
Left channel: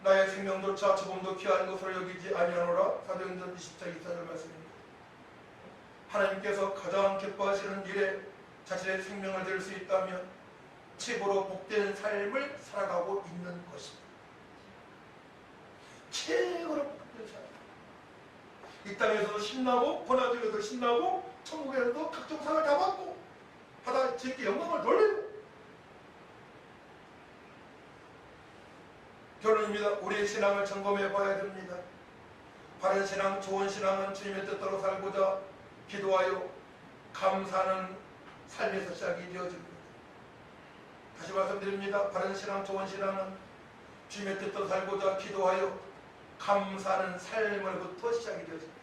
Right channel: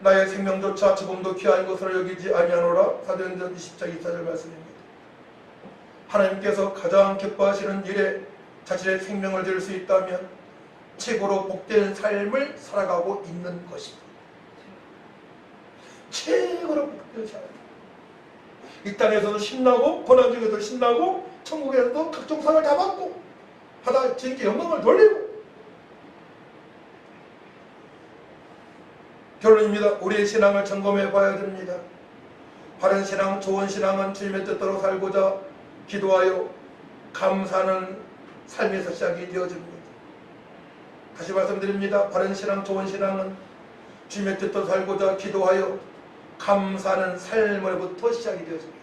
나의 생명조차 죽음도 귀한 것으로 여기지 아니하노라. 사도행전 20장 24절 말씀입니다. 하나님께서 가장 기뻐하시는 일에 자신의 생명을 드릴 수 있다면 최고로 복된 삶을 살아가고 있는 것입니다. 최고로 복된 삶. 이 땅에서도 신나고 고난 중에도 신나고 천국에서도 각종 상을 다 받고 하다 주님께 영광을 돌리고. 결론입니다. 우리의 신앙을 점검해 봐야 됩니다. 바른 신앙, 좋은 신앙은 주님의 뜻대로 살고자 기도하여 감사하는 삶에서 시작이 되어집니다. 다시 말씀드립니다. 바른 신앙, 좋은 신앙은 주님의 뜻대로 살고자 기도하여 감사하는 삶으로부터 시작이 되어집니다.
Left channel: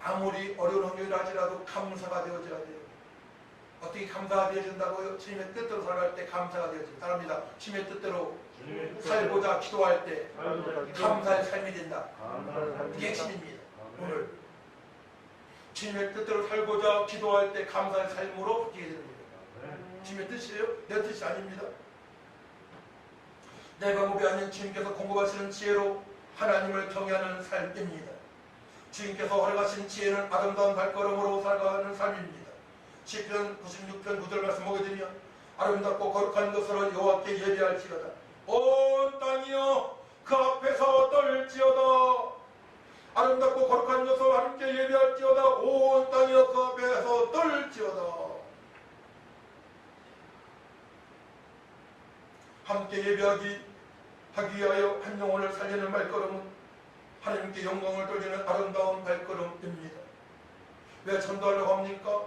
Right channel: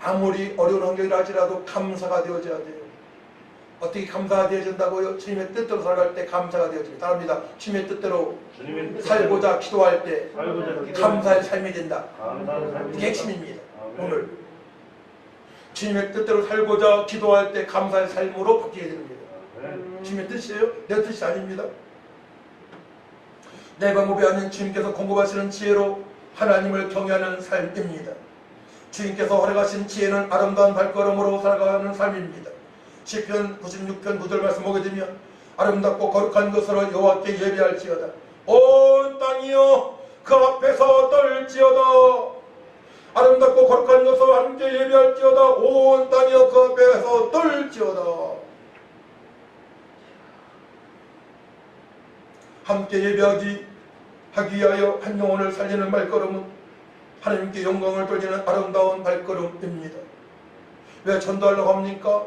아무리 어려운 환경이라 할지라도 감사가 되어져야 돼요. 어떻게 감사가 되어진다고요? 주님의 뜻대로 살아갈 때 감사가 되어집니다. 따릅니다. 주님의 뜻대로 살고자 기도할 때 감사의 삶이 된다. 이게 핵심입니다. 오늘 주님의 뜻대로 살고자 기도할 때 감사의 삶으로 바뀌게 됩니다. 아멘. 주님의 뜻이에요? 내 뜻이 아닙니다. 내 방법이 아닌 주님께서 공급하시는 지혜로 하나님을 경외하는 삶입니다. 주님께서 허락하신 지혜는 아름다운 발걸음으로 살아가는 삶입니다. 시편 96편 9절 말씀 보게 되면 아름답고 거룩한 것으로 여호와께 예배할지어다. 온 땅이여 그 앞에서 떨지어다. 아름답고 거룩한 것으로 함께 예배할지어다. 온 땅이여 그 앞에서 떨지어다. 함께 예배하기 하기 위하여 한 영혼을 살리는 발걸음은 하나님께 영광을 돌리는 아름다운 발걸음입니다. 왜 전도하려고 합니까?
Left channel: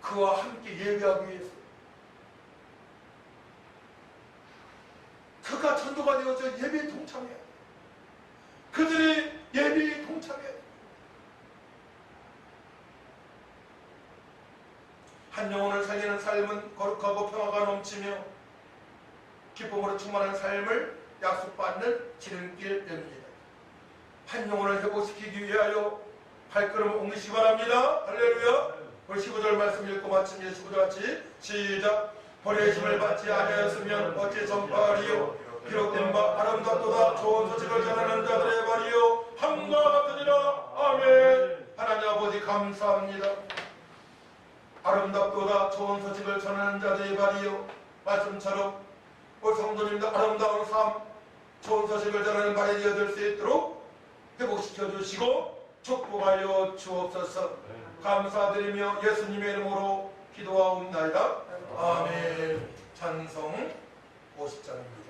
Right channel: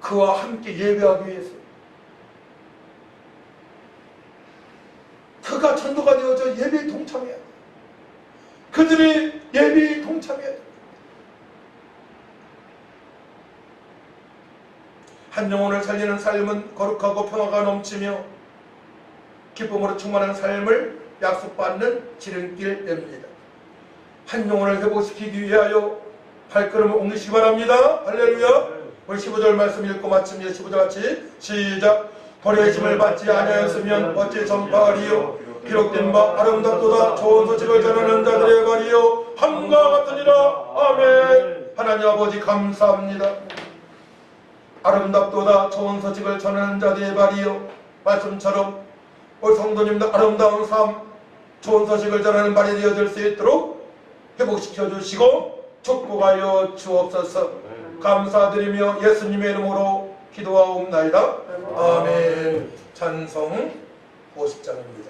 그와 함께 예배하기 위해서. 그가 전도가 되어져 예배에 동참해야 돼. 그들이 예배에 동참해야 돼. 한 영혼을 살리는 삶은 거룩하고 평화가 넘치며 기쁨으로 충만한 삶을 약속받는 지름길입니다. 한 영혼을 회복시키기 위하여 발걸음을 옮기시기 바랍니다. 할렐루야. 우리 15절 말씀 읽고 마칩니다. 15절 같이 시작. 버려짐을 받지 아니하였으면 어찌 전파하리요. 기록된 바 아름답도다 좋은 소식을 전하는 자들의 말이요 함과 같으니라. 아멘. 하나님 아버지 감사합니다. 아름답도다 좋은 소식을 전하는 자들의 말이요, 말씀처럼 우리 성도님도 아름다운 삶, 좋은 소식을 전하는 말이 되어질 수 있도록 회복시켜 주시고 축복하여 주옵소서. 감사드리며 예수님의 이름으로 기도하옵나이다. 아멘. 찬송 50장입니다.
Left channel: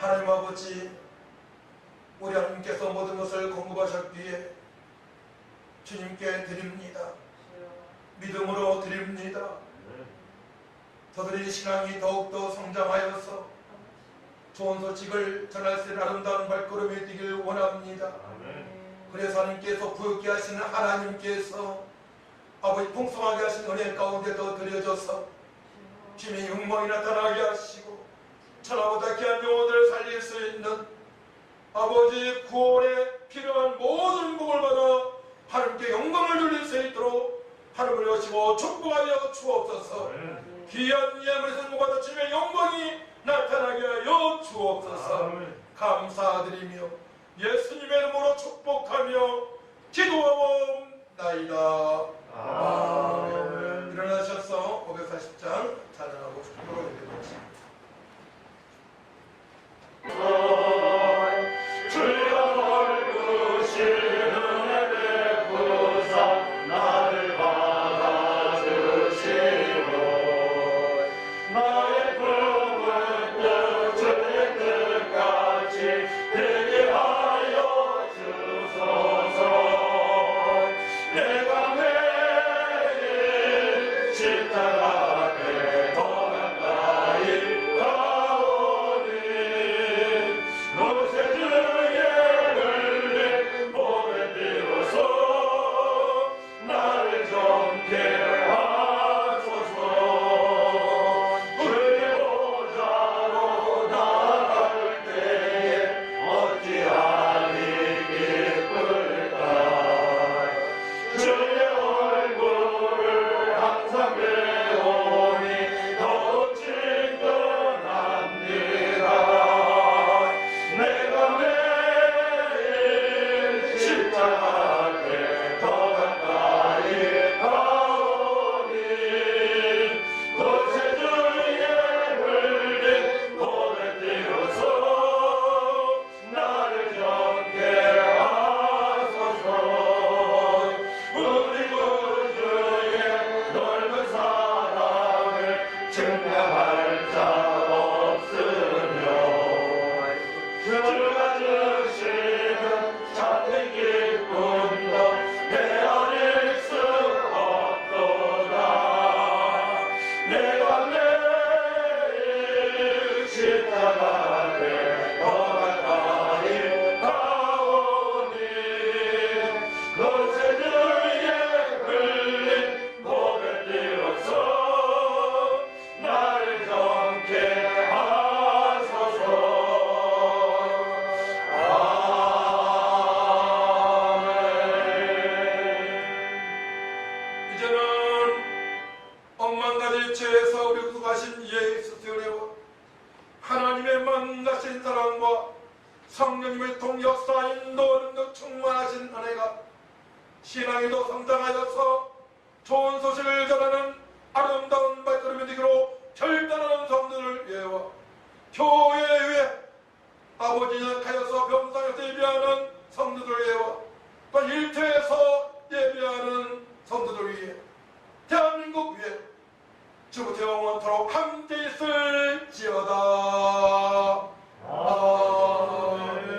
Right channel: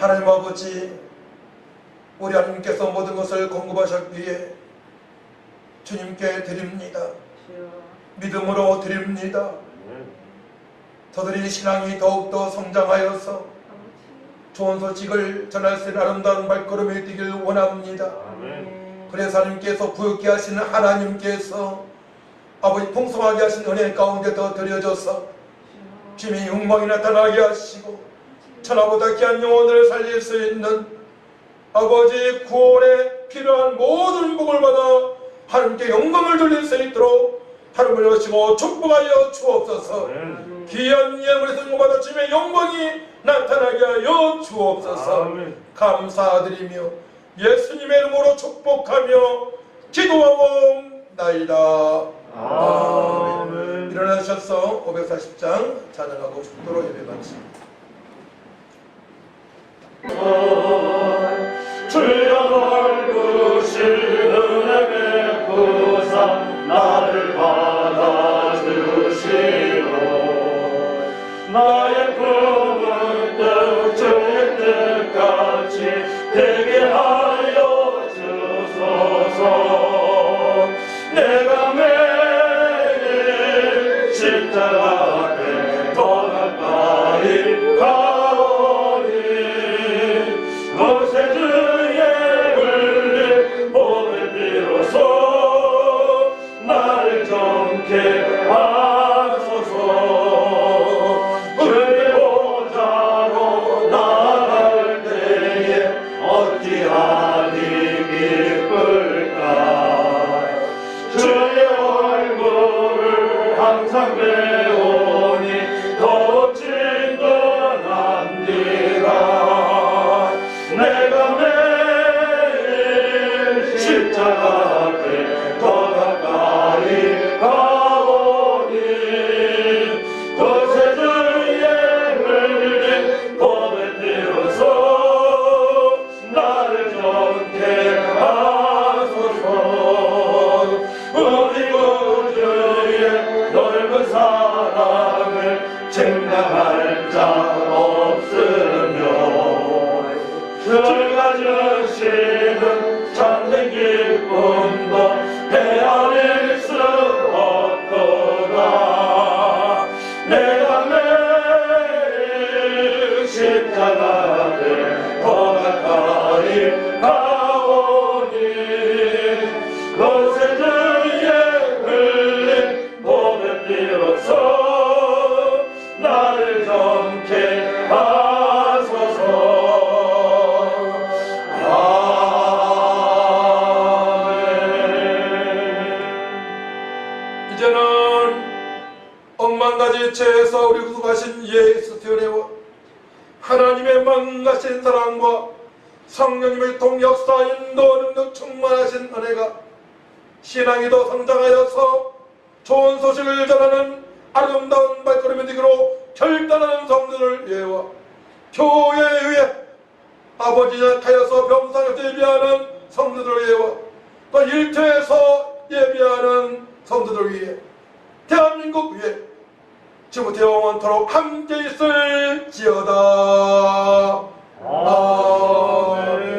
하나님 아버지, 우리 하나님께서 모든 것을 공급하셨기에 주님께 드립니다. 믿음으로 드립니다. 저들이 신앙이 더욱더 성장하여서 좋은 소식을 전할 수 있는 아름다운 발걸음이 되길 원합니다. 그래서 하나님께서 부욕케 하시는 하나님께서 아버지 풍성하게 하신 은혜 가운데 더 드려져서 주님의 영광이 나타나게 하시고 천하보다 귀한 영혼을 살릴 수 있는 아버지 구원에 필요한 모든 복을 받아 하나님께 영광을 돌릴 수 있도록 하나님을 여시고 축복하여 주옵소서. 귀한 예물의 성공받아 주님의 영광이 나타나게 하여 주옵소서. 아멘. 감사드리며 예수님의 이름으로 축복하며 기도하옵나이다. 아멘. 일어나셔서 540장 찬양하고 축도로 예배 마칩니다. 주여 넓으신 은혜 베푸사 나를 받아주시고 나의 품은 뜻 주의 뜻같이 되게 하여 주소서. 내가 매일 십자가 앞에 더 가까이 가오니 모세주의 흘린 보배 비로소 나를 정케 하소서. 주의 보좌로 나갈 때에 어찌하니 기쁠까. 주의 얼굴을 항상 배우니 더욱 진건한디라. 내가 매일 십자가 앞에 더 가까이 가오니 구세주의 흘린 보배 비로소 나를 정케 하소서. 우리 구주의 넓은 사랑을 증명할 자 없으며 주가 주시는 참된 기쁨도 헤아릴 수 없도다. 내가 매일 십자가 앞에 더 가까이 가오니 모세주의 흘린 보배 비로소 나를 정케 하소서. 아멘. 이제는 억만가지 죄에서 우리 구속하신 예수 되어내와 하나님의 만가신 사랑과 성령님의 동역사 인도 능력 충만하신 은혜가 신앙이 더 성장하여서 좋은 소식을 전하는 아름다운 발걸음이 되기로 결단하는 성도들 위해와 교회에 의해 아버지 약하여서 병상에서 예비하는 성도들 위해와 또 일터에서 예비하는 성도들 위해 대한민국 위해 지금부터 영원토록 함께 있을지어다.